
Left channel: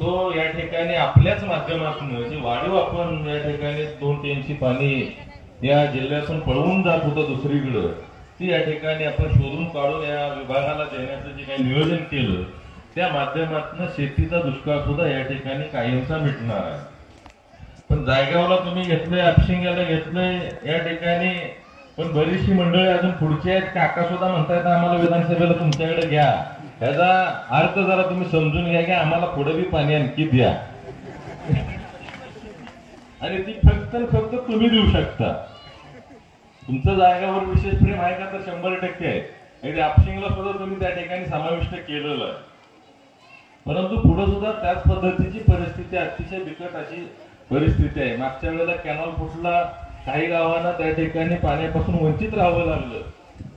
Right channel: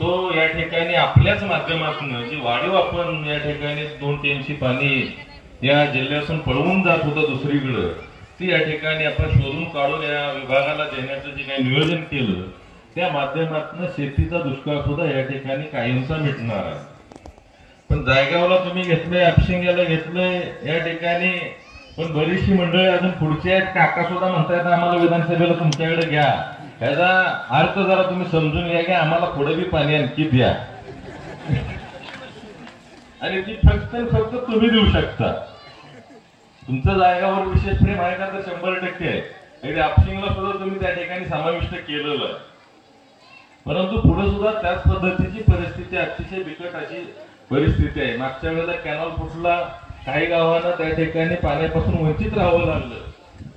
तो या ठिकाणी आपल्याच माध्यमातून जी वाढीव आपण या ठिकाणी 2 TMC पाणी या जिल्ह्यातून पळवून जात होतं दुसरीकडे, ती या ठिकाणी आपण शोधून काढून या विभागाला देण्याचं जे काही नियोजन केलं त्या माध्यमातून शेतीचा दुष्काळ सुद्धा या ठिकाणी कायमचा मिटणार आहे. पण जायगावला तुम्ही घेतलंय, आपशिंग्याला घेतलंय या ठिकाणी, पण बरीचशी मंडळी अजून पुढची आहेत. काका सुद्धा म्हणतायत आम्हाला विधानसभेला तुमच्याकडे घ्या. ह्याचा अर्थ जरा तुम्ही समजून घ्या की आम्हाला पुढे बी पाणी आणखी द्या आणि ती फक्त तुम्ही देऊ शकता. तुमचं जायगावर विशेष प्रेम आहे का तर 100% आहे. आणि आपशिंगला सुद्धा तुम्ही त्या ठिकाणी समाविष्ट केलेलं आहे. परंतु पुढे सुद्धा त्याच पद्धतीची परिस्थिती, अतिशय बिकट अशी परिस्थिती आहे. मागच्या वेळेला कॅनॉल फुटला, काही गावांना त्या ठिकाणी पाण्यापासून वंचित राहावं लागलं.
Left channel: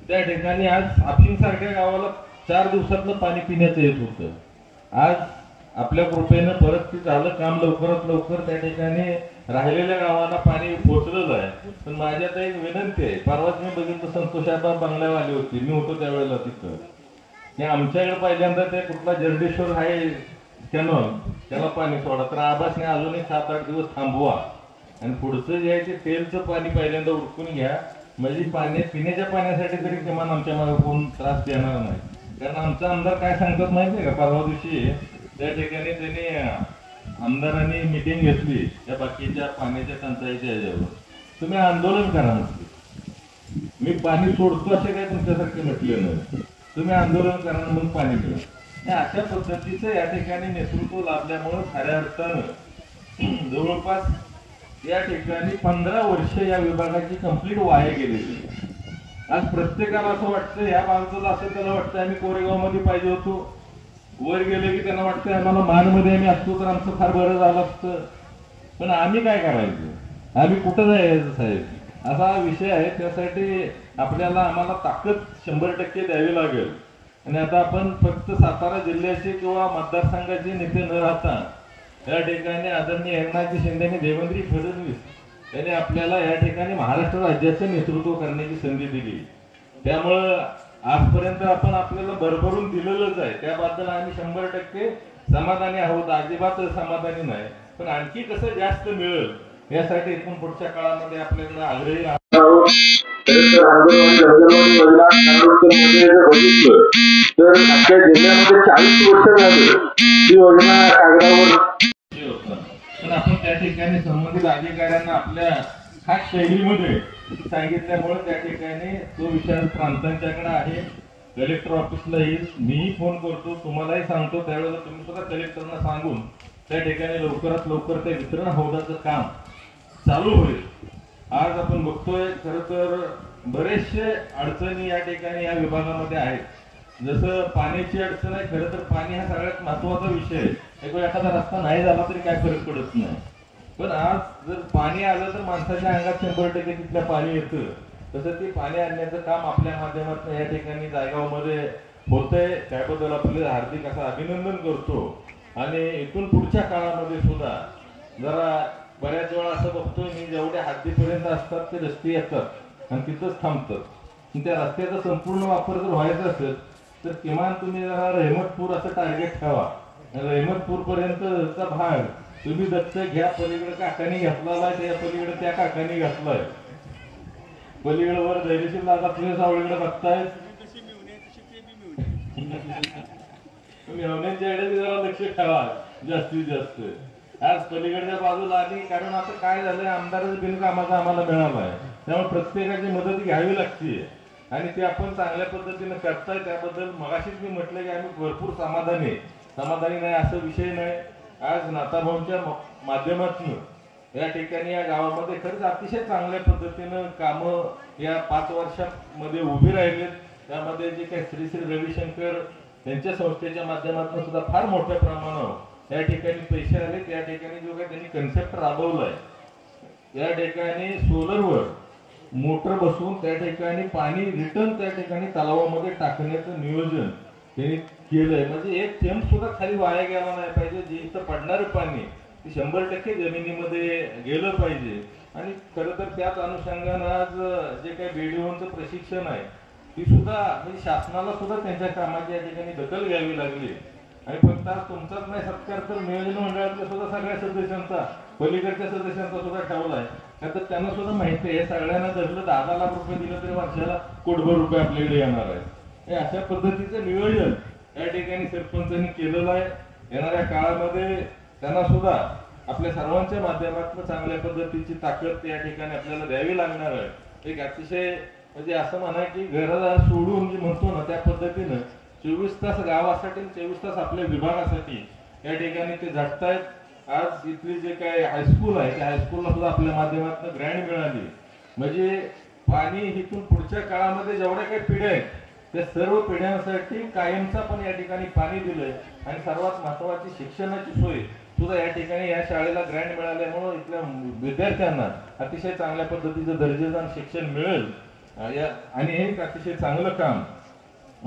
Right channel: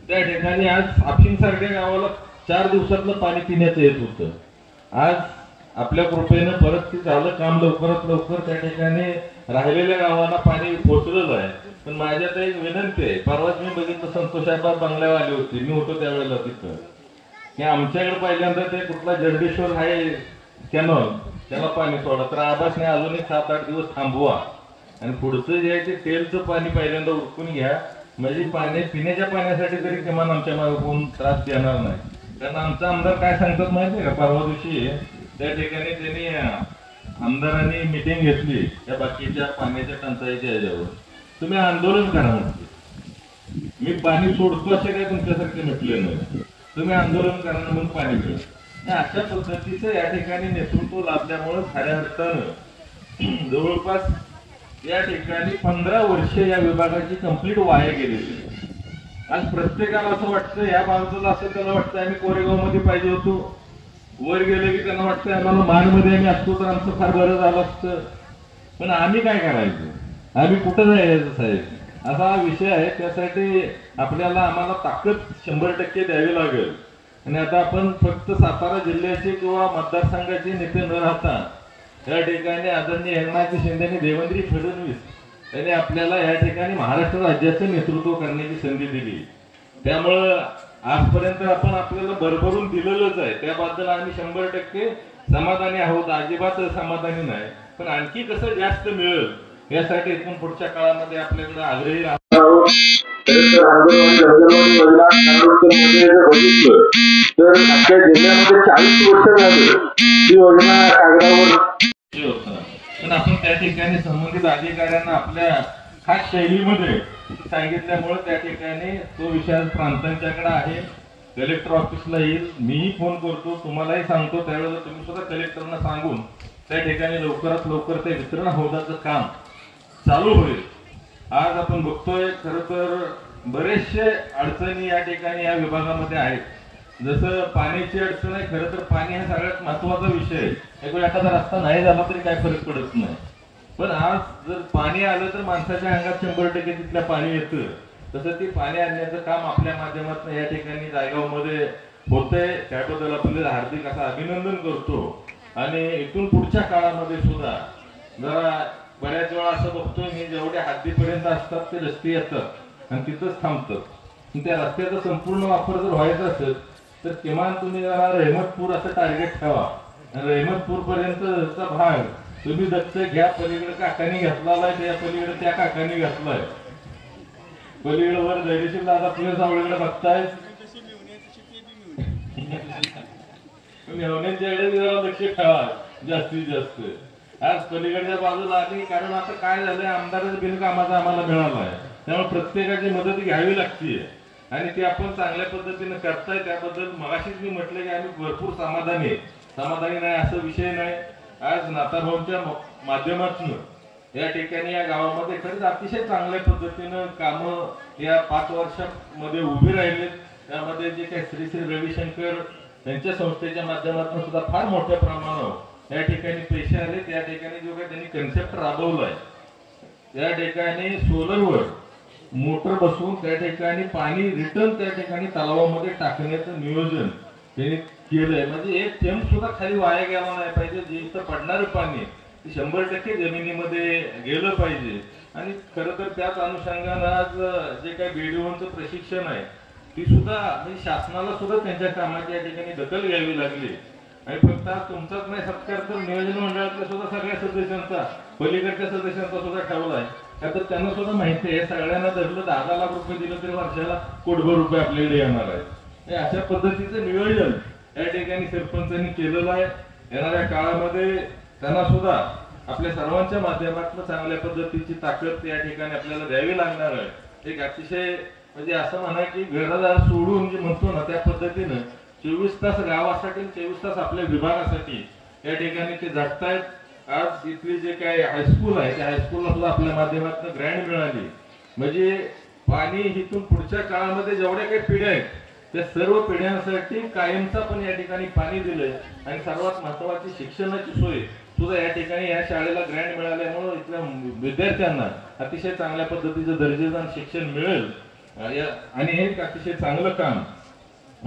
त्या ठिकाणी आज आपशिंग सारख्या गावाला 4 दिवसातलं पाणी पिण्याचं येत होतं. आज आपल्या कृपेनं परत ते झालं काम लवकरात लवकर त्या ठिकाणी राहिलेल्या गावांना पाणी पोहोचलेलं आहे. पण माझ्यात एक विनंती आहे, परवाच मी बघितलं संतोषाबा बंगल्यावर आली होती, मी होतो त्यावेळेला तिथं, की आमच्याकडे पहिल्यांदा ते कुठला जगदीश्वर आहे कॅनॉल त्याला पाणी सोडा, तर आबासने अजून 7-8 दिवस थांबवा आणि पुढचं जे आहे ते तेलचं पाणी पहिल्यांदा उरकून घ्या, म्हणजे पाणी पिण्याच्या पाण्यासाठी तरी किमान आमच्या मागे कोण त्रास देणार नाही. कारण आमचा आमदार काय सांगतात माहितीये का, परवा दिवशी त्या ठिकाणी त्यांनी आमदारांनी मिटिंग घेतली त्या बाकीच्या पाण्याच्या टंचाईच्या ह्याच्यावर, तुम्ही आंदोलन करा म्हटले. मी पाणी सोडतो असे काय तुमच्यासारखे म्हटले नाही, तुम्ही आंदोलन करा मग पाणी मिळेल. अशा पद्धतीचं या ठिकाणी नेतृत्व लाभल्यामुळे खऱ्या अर्थानं जवळपास या ठिकाणी 15 वर्षे या विभागाची कंप्लीट वाया गेलेली. आज प्रत्येकाला असं वाटतं, या बाजूला असं त्याला वाटतं आम्ही कोरेगाव मध्ये पाहिजे होतो, वर गेलं की त्यांना वाटतं आम्हाला मानमध्ये आम्ही असतो तर आमचं फार बरं झालं असतं. पण आम्ही काय करायचं, आम्ही कुठं जायचं साहेब, असा विषय आहे. त्यासाठी आपल्याला आम्हाला ताकद 100% द्यावी लागेल. आणि आता आपण फक्त सातारा जिल्ह्याचे किंवा मतदारसंघाचे नेते न राहता या ठिकाणी आदरणीय एकनाथजी शिंदे आणि देवेंद्र फडणवीस यांनी आपल्याला या ठिकाणी महाराष्ट्र राज्याचं नेतृत्व करण्याची संधी दिली. त्यामुळं आजपर्यंत आपण आपल्याला भरभरून दिलेलंच आहे, त्याबद्दल आम्ही 100% समाधानी आहोत, अजिबात समाधानी नाही. पण आणखी कसं जास्त मिळेल यासाठी इथून पुढच्या काळामध्ये आपल्याकडे आग्रही तर आजच्या जिल्ह्यामध्ये 40 वर्ष झाली ही योजना कागदावर पण आपण त्या ठिकाणी संबंधित अधिकाऱ्यांना आपल्या खास शैलीमध्ये सांगितल्यामुळे त्या ठिकाणी तो विषय प्रांतांच्याकडे आहे. कलेक्टर ऑफिसला येईल, मीही फोन करतो, तुम्हालाही सांगतो, त्यावेळेला तुम्ही सुद्धा कलेक्टरना सांगून त्या ठिकाणी लवकरात लवकर ते वितरण हौदाचं काम चालू होईल. आज आपण बघतोय खरं तर बरेचसे अडचणी या ठिकाणी या विभागामध्ये आहेत. जसं पाण्याची अडचण आहे, खरं तर पाणी हा सगळ्यात महत्वाचा विषय आहे. एखादा रस्ता नाही झाला तरी काय फरक पडत नाही, पण आज जर पाणी आलं तर माणसाच्या अंगात 100% तिथलं पाणी येतं. तसं ते पाणी आणण्याचं काम आपल्या माध्यमातून या ठिकाणी जायगावमध्ये होतंय. त्याबद्दल आपल्याला हार्दिक असं अभिनंदन करतो. आणि इथून पुढच्या काळामध्ये सुद्धा जरा बऱ्याच वेळा असं बघतोय मी, जेवढ्या हद्दीपर्यंत असतात ते रस्ते येतात आणि तिथंच थांबतात. त्या रस्त्याचा संपूर्ण वापर जर व्हायचा असेल तर किमान तुम्ही जरा रहमतपूर असं टार्गेट ठेवा. रहमतपूर पर्यंतचा भाग तुम्ही दत्त घ्या. पलीकडे काकांनी घेतलेला आहे, त्या पलीकडे त्या काकांनी घेतलाय. पलीकडे वर धैर्यशील दादा पुणे सावळीकडे बघताय, मेहण्याच्याकडे जरा लक्ष ठेवा जास्तीत जास्त. आज पलीकडच्या बाजूला आली, कारण आता काय झालंय, आमदारच बिनकामाचा आम्हाला मिळाला आहे, त्यामुळे प्रत्येकाची मदत घ्यावी लागते आणि ते आपण चांगल्या पद्धतीने करताय. त्याबद्दल मगाशीच मी म्हटलं की आम्ही भरपूर समाधानी नाही असं विषय नाही. आज नाताभाऊंच्या माध्यमातून या ठिकाणी या गावामध्ये खरंच अतिशय चांगल्या पद्धतीनं कामं या 5 वर्षांमध्ये उभी राहिलेत. त्यामध्ये जे काही श्री श्री रविशंकर यांच्या संस्थेच्या माध्यमातून सुद्धा फार मोठ्या प्रमाणावर या ठिकाणी पैसे आले. त्या ठिकाणी जो काही त्यांनी कन्सेप्ट राबवलाय, त्या ठिकाणी सोलरवर मोटर बसवून त्या ठिकाणी पाणी रिटर्न त्या ठिकाणी तलावामध्ये टाकण्याचं नियोजन त्यांनी केलंय. म्हणजे एक थेंब सुद्धा खाली वाया गेला नाही पाहिजे. जे इथं पडणारं पाणी ते 100% जमिनीमध्ये गेलं पाहिजे. आणि खरं तर त्याच अनुषंगानं आज जे काही बीडीओचं प्रशिक्षण आहे ती सुद्धा म्हणजे शासनाला सुद्धा त्यांच्या कामाची या ठिकाणी दखल घ्यावी लागली. आणि फक्त आज तुमचाच नाही सत्कार तर नियोजन मंडळातल्या सुद्धा सगळ्या सदस्यांचा, पलीकडच्या सदस्यांचा सुद्धा ठेवलाय. तर त्यांना सुद्धा माहिती आहे, सगळ्यांना धरलं 10 लाख रुपये दिलं तरी वर्षाला कोटभर रुपये आपल्याकडे येणार आहे. हे अशा पद्धतीचं नियोजन या ठिकाणी सरपंचांनी केलेलं आहे. येणाऱ्या काळामध्ये त्यांना सुद्धा आपल्या सर्वांच्या माध्यमातून चांगल्या पद्धतीची ताकद या ठिकाणी आपल्याला द्यावी लागणार आहे. एक अतिशय म्हणजे असं म्हणा की घरदार सोडून जे म्हणतो ना त्या पद्धतीनं 24 तास गावासाठी 24 तास आपल्या विभागासाठी या ठिकाणी ते झटतायत. आज इथली जे काय हायस्कूल आहे त्या हायस्कूलला सुद्धा आपल्या माध्यमातून ग्रँड मिळाली. म्हणजे पाणी इथून पुढच्या काळामध्ये जेवढ्या काही पिढ्या आहेत त्या सर्व पिढ्यांसाठी कायमचा पण या ठिकाणी पाणी दिलंय. आणि सर्वात महत्वाची शिक्षणाची सोय सुद्धा या ठिकाणी या शाळेला ग्रँड मिळाल्यामुळे इथल्या विद्यार्थ्यांना अतिशय चांगल्या पद्धतीचं दर्जेदार शिक्षण मिळेल. आणि हे अतिशय चांगलं काम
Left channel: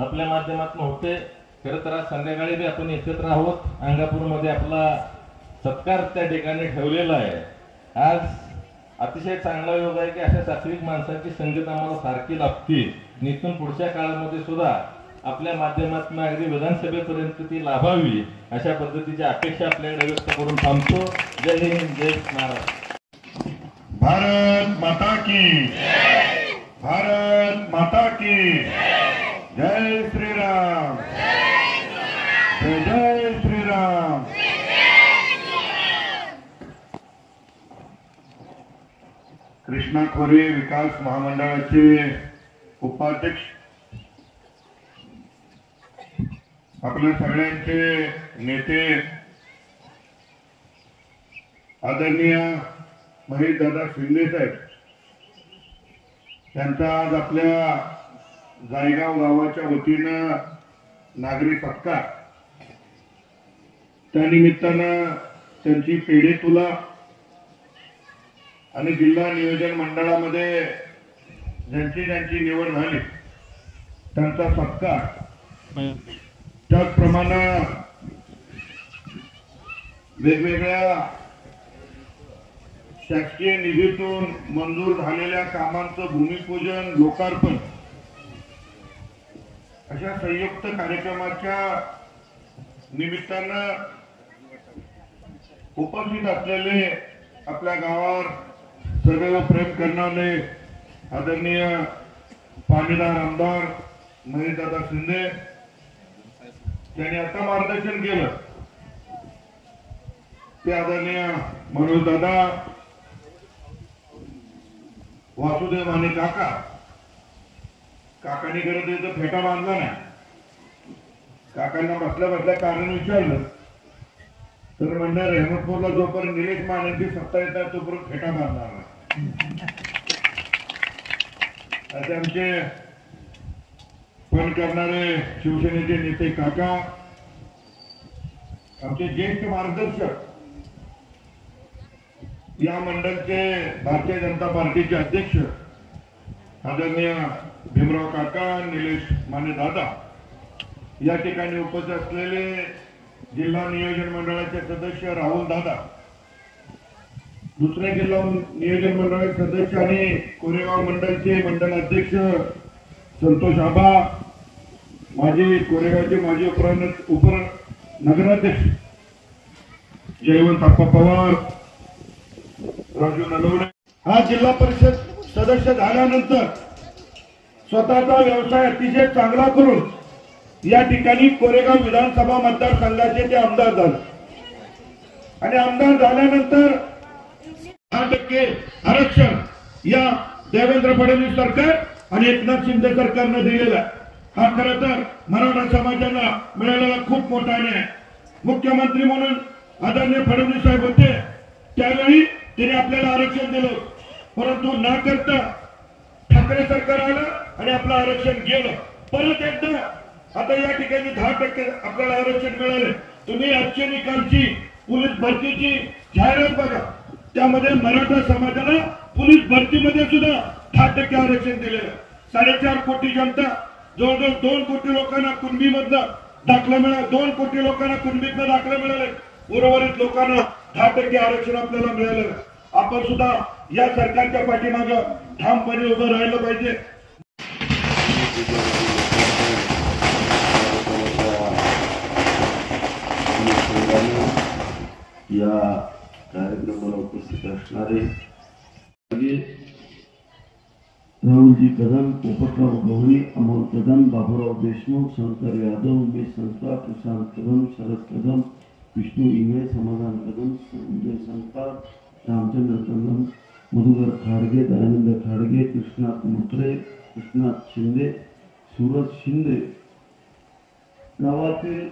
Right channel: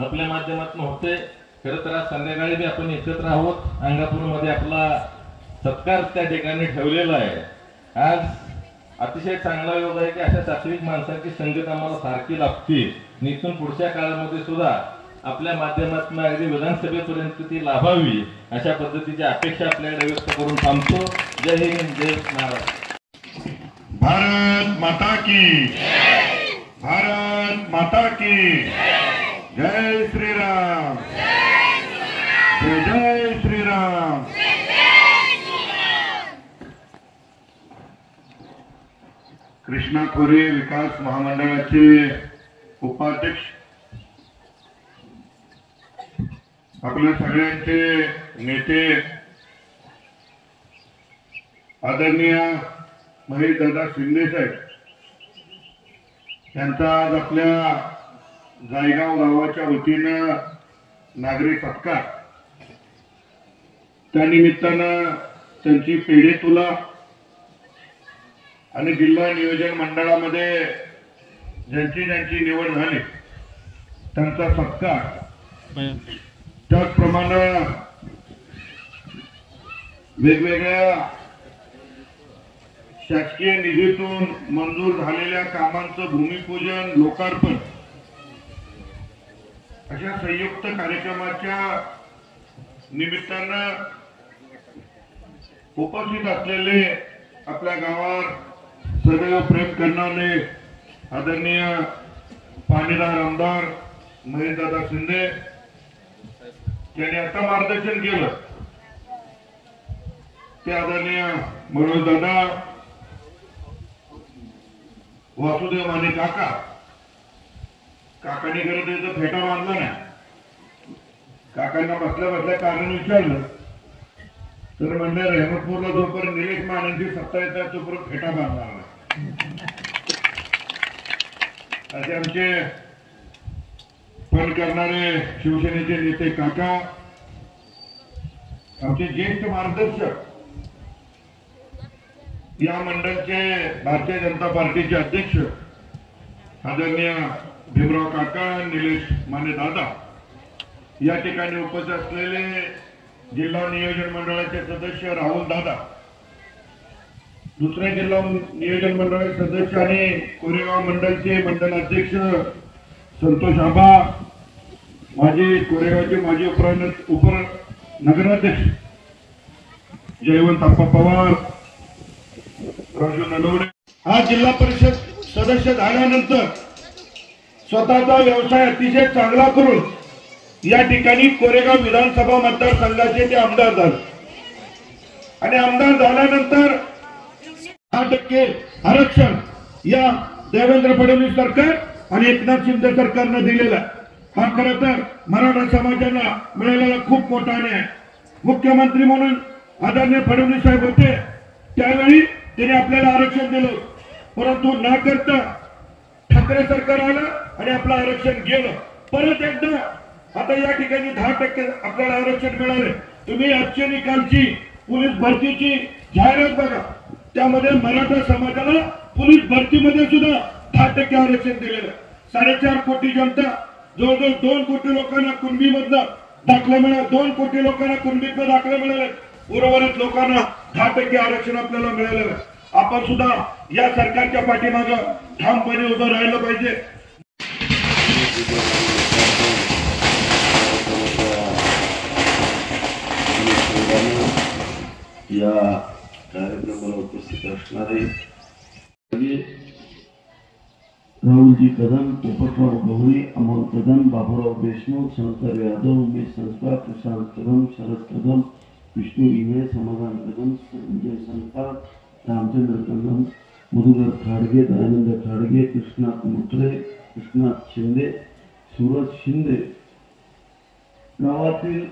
आपल्या माध्यमातून होते. खरं तर आज संध्याकाळी बी आपण एकत्र आहोत. अंगापूरमध्ये आपला सत्कार त्या ठिकाणी ठेवलेला आहे. आज अतिशय चांगला योग आहे की अशा सात्विक माणसांची संगत आम्हाला सारखी लाभते. इथून पुढच्या काळामध्ये सुद्धा आपल्या माध्यमातून अगदी विधानसभेपर्यंत ती लाभावी अशा पद्धतीची अपेक्षा आपल्याकडे व्यक्त करून थांबतो. जय हिंद, जय महाराष्ट्र. भारत माता की, भारत माता की जय श्रीराम, जय जय श्रीराम. कृष्णा खोरे विकास महामंडळाचे उपाध्यक्ष, आपल्या सगळ्यांचे नेते आदरणीय महेशदादा शिंदे साहेब यांचा आज आपल्या जायगाव गावाच्या वतीनं नागरी सत्कार. त्यानिमित्तानं त्यांची पेढे तुला आणि जिल्हा नियोजन मंडळामध्ये ज्यांची निवड झाली त्यांचा सत्कार. त्याचप्रमाणे वेगवेगळ्या शासकीय निधीतून मंजूर झालेल्या कामांचं भूमिपूजन, लोकार्पण अशा संयुक्त कार्यक्रमाच्या निमित्तानं उपस्थित असलेले आपल्या गावावर सदैव प्रेम करणारे आदरणीय पाणीदार आमदार महेशदादा शिंदे यांनी आता मार्गदर्शन केलं ते आदरणीय मनोजदादा वासुदेव माने काकांनी करत इथं फेटा बांधला नाही. काकांना बसल्या बसल्या कारण विचारलं तर म्हणलं रहमतपूरला जोपर्यंत निलेश मानेंची सत्ता येतात तोपर्यंत फेटा बांधणार नाही. असे आमचे फोन करणारे शिवसेनेचे नेते काका, आमचे ज्येष्ठ मार्गदर्शक, या मंडळचे भारतीय जनता पार्टीचे अध्यक्ष आदरणीय भीमराव काका, निलेश माने दादा, या ठिकाणी उपस्थित असलेले जिल्हा नियोजन मंडळाचे सदस्य राहुल दादा, दुसऱ्या जिल्हा नियोजन मंडळाचे सदस्य आणि कोरेगाव मंडळचे मंडळ अध्यक्ष संतोष आबा, माजी कोरेगावचे माजी उपर नगराध्यक्ष जयवंत आप्पा पवार, राजू नलवडे. हा जिल्हा परिषद सदस्य झाल्यानंतर स्वतःचा व्यवसाय अतिशय चांगला करून या ठिकाणी कोरेगाव विधानसभा मतदारसंघाचे ते आमदार झाले आणि आमदार झाल्यानंतर 10% आरक्षण या देवेंद्र फडणवीस सरकार आणि एकनाथ शिंदे सरकारनं दिलेला. हा खरं तर मराठा समाजाला मिळालेला खूप मोठा न्याय. मुख्यमंत्री म्हणून आदरणीय फडणवीस साहेब होते त्यावेळी त्यांनी आपल्याला आरक्षण दिलं, परंतु न करता ठाकरे सरकार आलं आणि आपलं आरक्षण गेलं. परत एकदा आता या ठिकाणी 10% आपल्याला आरक्षण मिळाले. तुम्ही आजच्या निकालची पोलीस भरतीची जाहिरात बघा, त्यामध्ये मराठा समाजाला पोलीस भरतीमध्ये सुद्धा 10% आरक्षण दिलेलं. 4.5 कोटी जनता, जवळजवळ 2 कोटी लोकांना कुणबीमधनं दाखले मिळाले, 2 कोटी लोकांना कुणबीतनं दाखले मिळाले. उर्वरित लोकांना 10% आरक्षण आपल्याला मिळालेलं. आपण सुद्धा या सरकारच्या पाठीमागं ठामपणे उभं राहिलं पाहिजे. या कार्यक्रमाला उपस्थित असणारे राहुलजी कदम, पोपटराव गवळी, अमोल कदम, बाबूराव देशमुख, शंकर यादव, उमेश संस्कार, प्रशांत कदम, शरद कदम, विष्णू इने, समाधान कदम, संजय संस्कार, रामचंद्र कदम, मधुकर खाडगे, दयानंद खाडगे, कृष्णात मुखरे, कृष्णात शिंदे, सूरज शिंदे, गावातील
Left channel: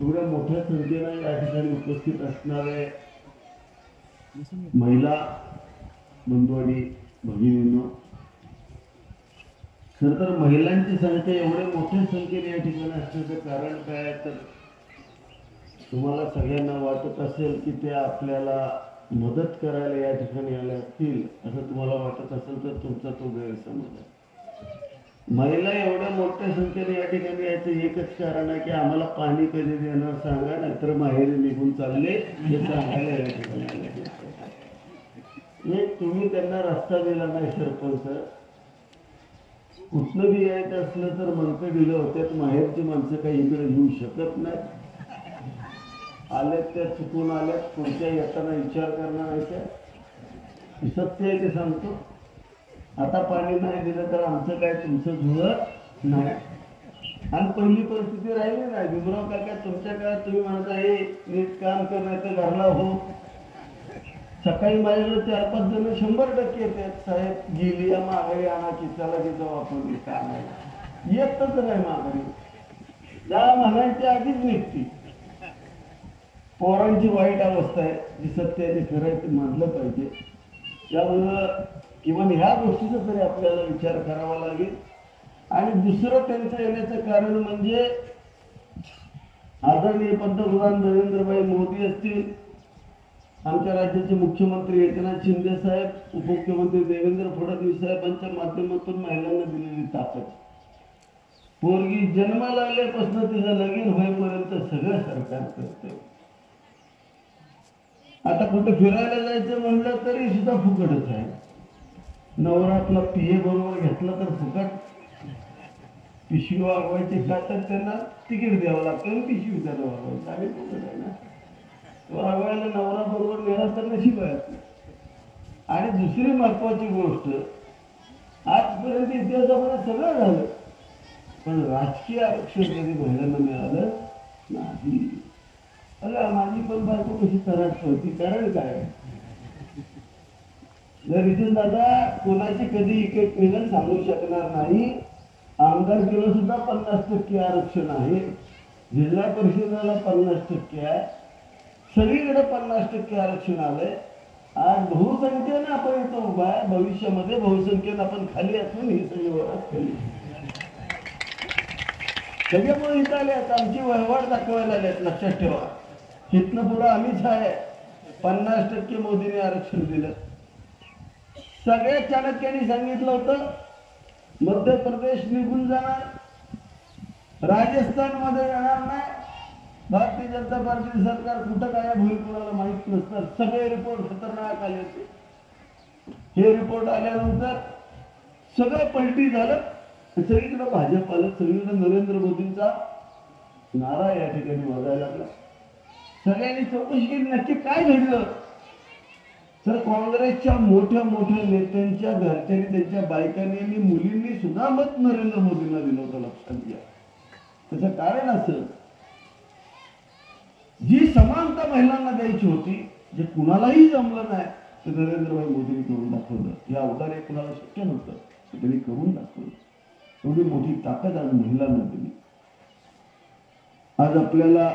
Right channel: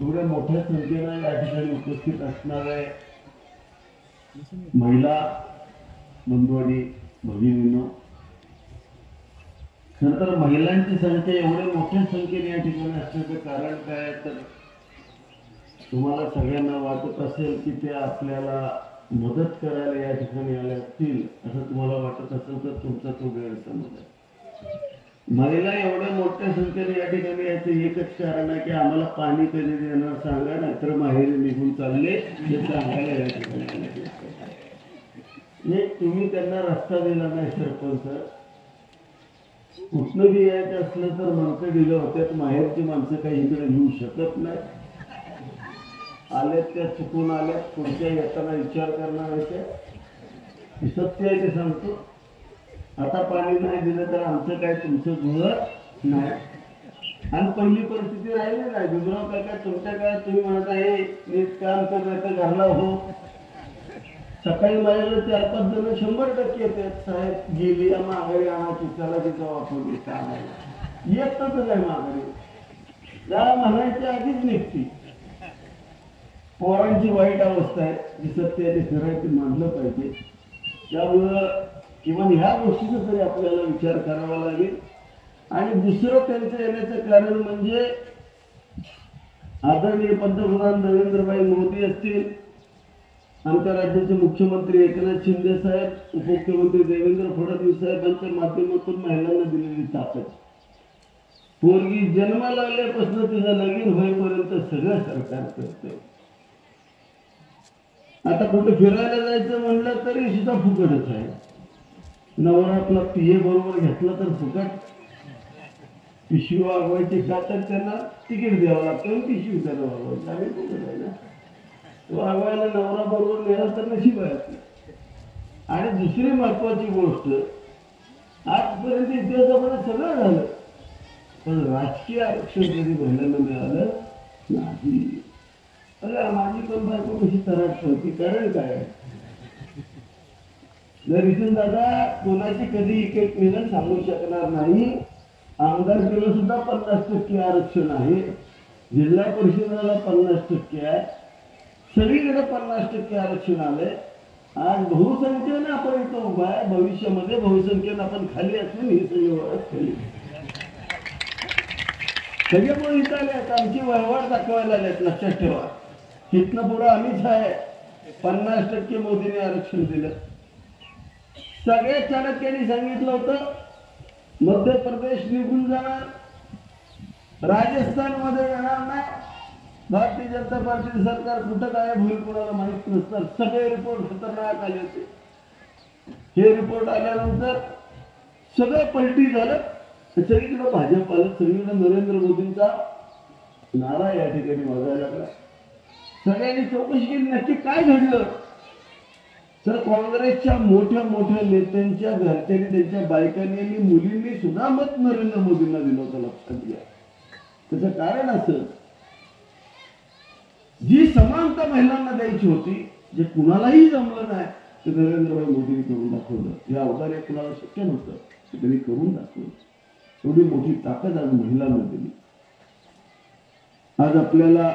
एवढ्या मोठ्या संख्येने या ठिकाणी उपस्थित असणारे महिला बंधुवाडी भगिनींनो, खरं तर महिलांची संख्या एवढ्या मोठ्या संख्येने या ठिकाणी असण्याचं कारण काय, तर तुम्हाला सगळ्यांना वाटत असेल की ते आपल्याला मदत करायला या ठिकाणी आले असतील असं तुम्हाला वाटत असेल तर तुमचा तो गैरसमज आहे. महिला एवढ्या मोठ्या संख्येने या ठिकाणी याचं एकच कारण आहे की आम्हाला पाणी कधी देणार सांगा, नाहीतर माहेरी निघून चालले हे सांगायला या ठिकाणी आले. एक तुम्ही त्यांना रस्ता दिला नाही सरपंच, कुठलं बी यायचं असलं तर म्हणतं दिलं होत्यात, माहेरची माणसं काही इकडे येऊ शकत नाही, आल्यात त्या चुकून आल्यात, पुढच्या येताना विचार करणार आहे सत्य आहे ते सांगतो. आता पाणी नाही दिलं तर आमचं काय तुमचं जुळत नाही. आणि पहिली परिस्थिती राहिली नाही. गुजराव काका तुमच्या काळात तुम्ही म्हणत आहे मी काम करण्याचं घरला हो, सकाळी माझ्याकडे 4-5 जण 100% येतात, साहेब गेली माघारी आणायची, चला तिथं वापरून काम आहे, येतच नाही माघारी, जरा म्हणायच्या आधीच निघते. पोरांची वाईट अवस्था आहे, जी सत्य आहे ते खरं ते मानलं पाहिजे. त्यामुळं किंवा ह्या गोष्टीचा तरी आपल्याला विचार करावा लागेल. आणि दुसरं त्यांचं येण्याचं कारण म्हणजे आदरणीय पंतप्रधान नरेंद्रभाई मोदी असतील, आमच्या राज्याचे मुख्यमंत्री एकनाथ शिंदे साहेब, उपमुख्यमंत्री देवेंद्र फडणवीस साहेबांच्या माध्यमातून महिलांना दिलेली ताकद, पोरगी जन्माला आल्यापासून तिचं लगीन होईपर्यंत सगळं सरकार करतंय. आता कुठं फिरायला जायचं म्हणलं तरी सुद्धा फुकटच आहे. नवरा आपला पिये बरोबर घेतला तर फुकट, पिशवी वागवायची का तर त्यांना तिकीट द्यावं लागतं, पिशवी त्याला वागवायचं आहे ना, वागवायला नवरा बरोबर मिळाला तर नशीब आहे. आणि दुसरी महत्वाची गोष्ट, आजपर्यंत इतिहासामध्ये सगळं झालं, पण राजकीय आरक्षण कधी घालायला मिळालं नाही. अरे माझी पण बायको कशी तराट होती, कारण काय नितीन दादा कोणाची कधी एक मिळून सांगू शकणार नाही. आमदारकीला सुद्धा 50% आरक्षण आहे, जिल्हा परिषदेला 50% आहे, सगळीकडे 50% आरक्षण आलंय. आज बहुसंख्येनं आपण इथं उभा आहे, भविष्यामध्ये बहुसंख्येनं आपण खाली असून ही सगळी ओळख खाली सगळे इथं आले आहेत, आमची वहिवाट दाखवायला आलेत. लक्षात ठेवा, इथनं पुढं आम्हीच आहे. 50% मोदीने आरक्षण दिलं. सगळ्या चाणक्यांनी सांगितलं होतं मध्य प्रदेश निघून जाणार, राजस्थान मध्ये येणार नाही, भारतीय जनता पार्टी सरकार कुठं काय होईल कुणाला माहित नसतं. सगळे रिपोर्ट खतरनाक आले होते. हे रिपोर्ट आल्यानंतर सगळं पलटी झालं. सगळीकडे भाजप आलं, सगळीकडे नरेंद्र मोदींचा नारा या ठिकाणी बघायला लागला. सगळ्यांनी चौकशी केली नक्की काय घडलं. तर काँग्रेसच्या मोठ्या मोठ्या नेत्यांच्या घरच्यांनी, त्यांच्या बायकांनी आणि मुलींनी सुद्धा मत नरेंद्र मोदींना दिलं होतं. लक्षात घ्या, त्याचं कारण असं, जी समानता महिलांना द्यायची होती, जे कुणालाही जमलं नाही ते नरेंद्रभाई मोदींनी करून दाखवलं. या अवधाने कुणाला शक्य नव्हतं, त्यांनी करून दाखवलं. एवढी मोठी ताकद आज महिलांना दिली. आज आपल्याला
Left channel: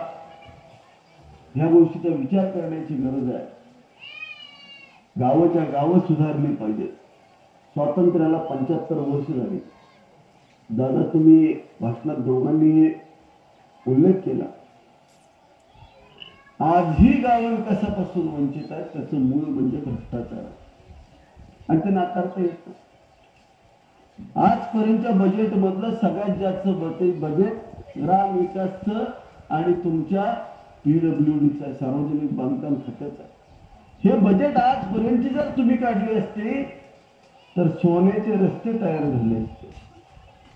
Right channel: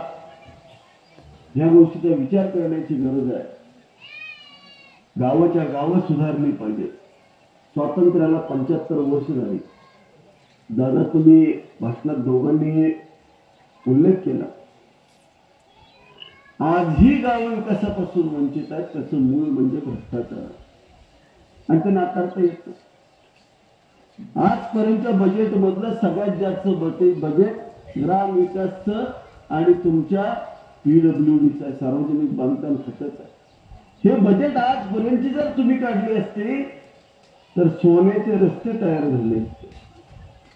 ह्या गोष्टीचा विचार करण्याची गरज आहे. गावाच्या गावं सुधारली पाहिजे. स्वातंत्र्याला 75 वर्ष झाली. दादा तुम्ही भाषणात दोघांनी उल्लेख केला, आजही गावं विकासापासून वंचित आहेत. त्याचं मूळ म्हणजे भ्रष्टाचार आणि ते नाकारता येतं. आजपर्यंतच्या बजेट मधलं सगळ्यात जास्त बजेट ग्रामविकासचं आणि तुमच्या PWDचं सार्वजनिक बांधकाम खात्याचं आहे. हे बजेट आजपर्यंतची जर तुम्ही काढले असते तर सोन्याचे रस्ते तयार झाले असते.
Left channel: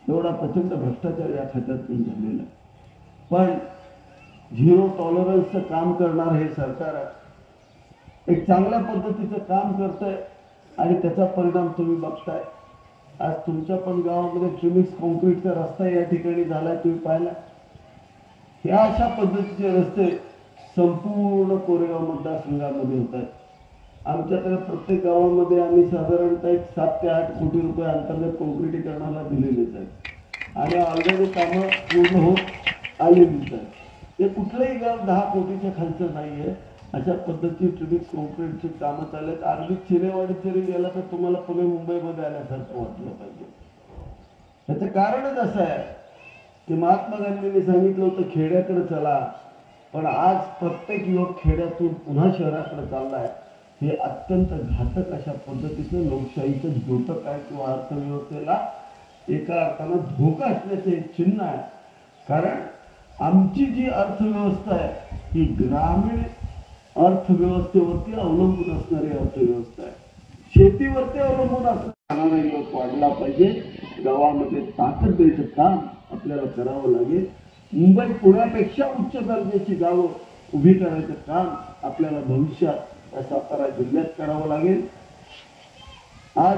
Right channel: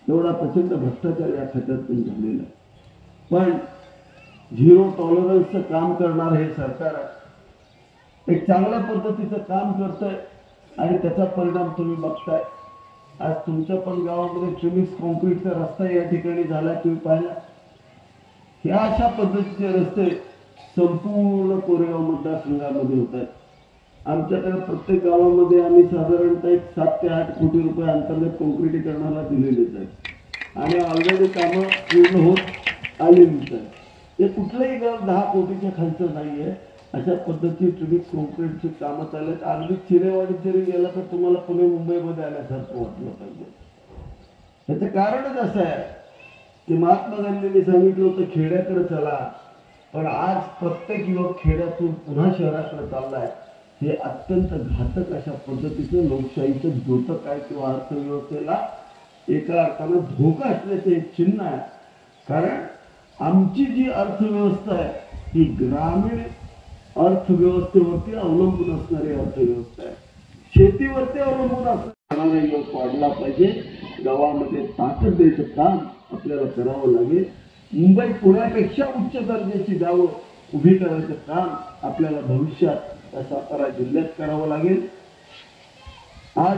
एवढा प्रचंड भ्रष्टाचार या खात्यातून झालेला. पण झिरो टॉलरन्सचं काम करणार हे सरकार आहे. एक चांगल्या पद्धतीचं काम करतंय आणि त्याचा परिणाम तुम्ही बघताय. आज तुमच्या पण गावामध्ये प्रीमिक्स कॉन्क्रीटचा रस्ता या ठिकाणी झाला, तुम्ही पाहिला. ह्या अशा पद्धतीचे रस्ते संपूर्ण कोरेगाव मतदारसंघामध्ये होत आहेत. आमच्याकडे प्रत्येक गावामध्ये आम्ही साधारणतः 7 ते 8 कोटी रुपये अंतर्गत कॉन्क्रिटीकरणाला दिलेलेच आहेत आणि ऑलरेडी कामं पूर्ण होत आलेलीच आहेत. हे कुठलंही गाव 10 कोटीच्या खालचं नाही आहे. अशा पद्धतीची प्रीमिक्स कॉन्क्रीटची कामं चालू आहेत. अगदी चिरेवाडी जरी गेला तर तुम्हाला पुणे मुंबईमध्ये आल्यासारखं वाटलं पाहिजे. त्याचं कारणच असं आहे की महात्मा गांधींनी सांगितलं होतं खेड्याकडे चला, पण आज प्रत्येक युवक खेड्यातून पुन्हा शहराकडे चाललाय. हे अत्यंत घातक अशा पद्धतीचं लोकशाहीचं द्योतक आहे किंवा अर्थव्यवस्थेला एका अर्थानं धोका असल्याचं एक चिन्ह आहे. कारण आमची जी अर्थव्यवस्था आहे ही ग्रामीण अर्थव्यवस्थेवरती अवलंबून असणारी अर्थव्यवस्था आहे. शेतीवरती अवलंबून असणारा लोक वाढला पाहिजे. गावामध्ये ताकद द्यायचं काम आपल्याला करावं लागेल. मुंबई पुण्यापेक्षा उच्च दर्जाची गावं उभी करायचं काम आपल्याला भविष्यात सातारा जिल्ह्यात करावं लागेल. आज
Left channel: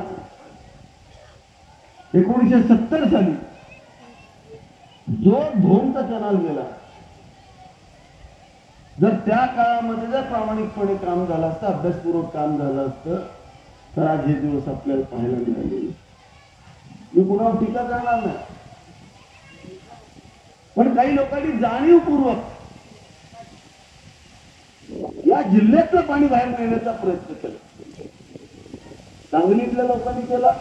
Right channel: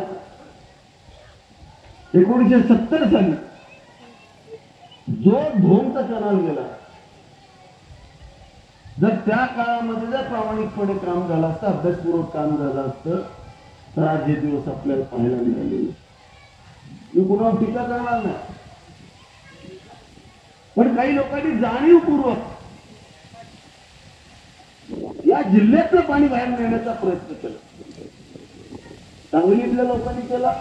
1970 साली जो ढोंगचा कनाल गेला, जर त्या काळामध्ये जर प्रामाणिकपणे काम झालं असतं, अभ्यासपूर्वक काम झालं असतं तर आज हे दिवस आपल्याला पाहायला मिळाले. मी कुणावर टीका करणार नाही, पण काही लोकांनी जाणीवपूर्वक या जिल्ह्यातलं पाणी बाहेर नेण्याचा प्रयत्न केला. सांगलीतल्या लोकांनी केला,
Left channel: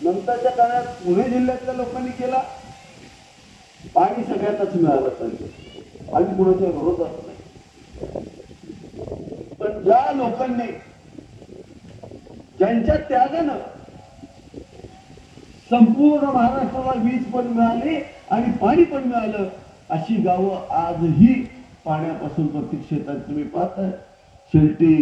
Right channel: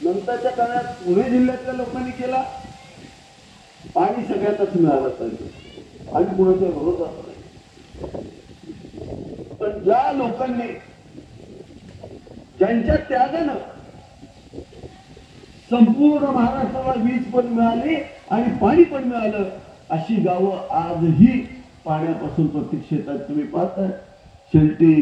नंतरच्या काळात पुणे जिल्ह्यातल्या लोकांनी केला. पाणी सगळ्यातच मिळालं पाहिजे आणि कुणाच्या विरोधात नाही. पण ज्या लोकांनी ज्यांच्या त्यागानं संपूर्ण महाराष्ट्राला वीज पण मिळाली आणि पाणी पण मिळालं, अशी गावं आजही पाण्यापासून प्रत्येक क्षेत्रात तुम्ही पाहताय. शेलटी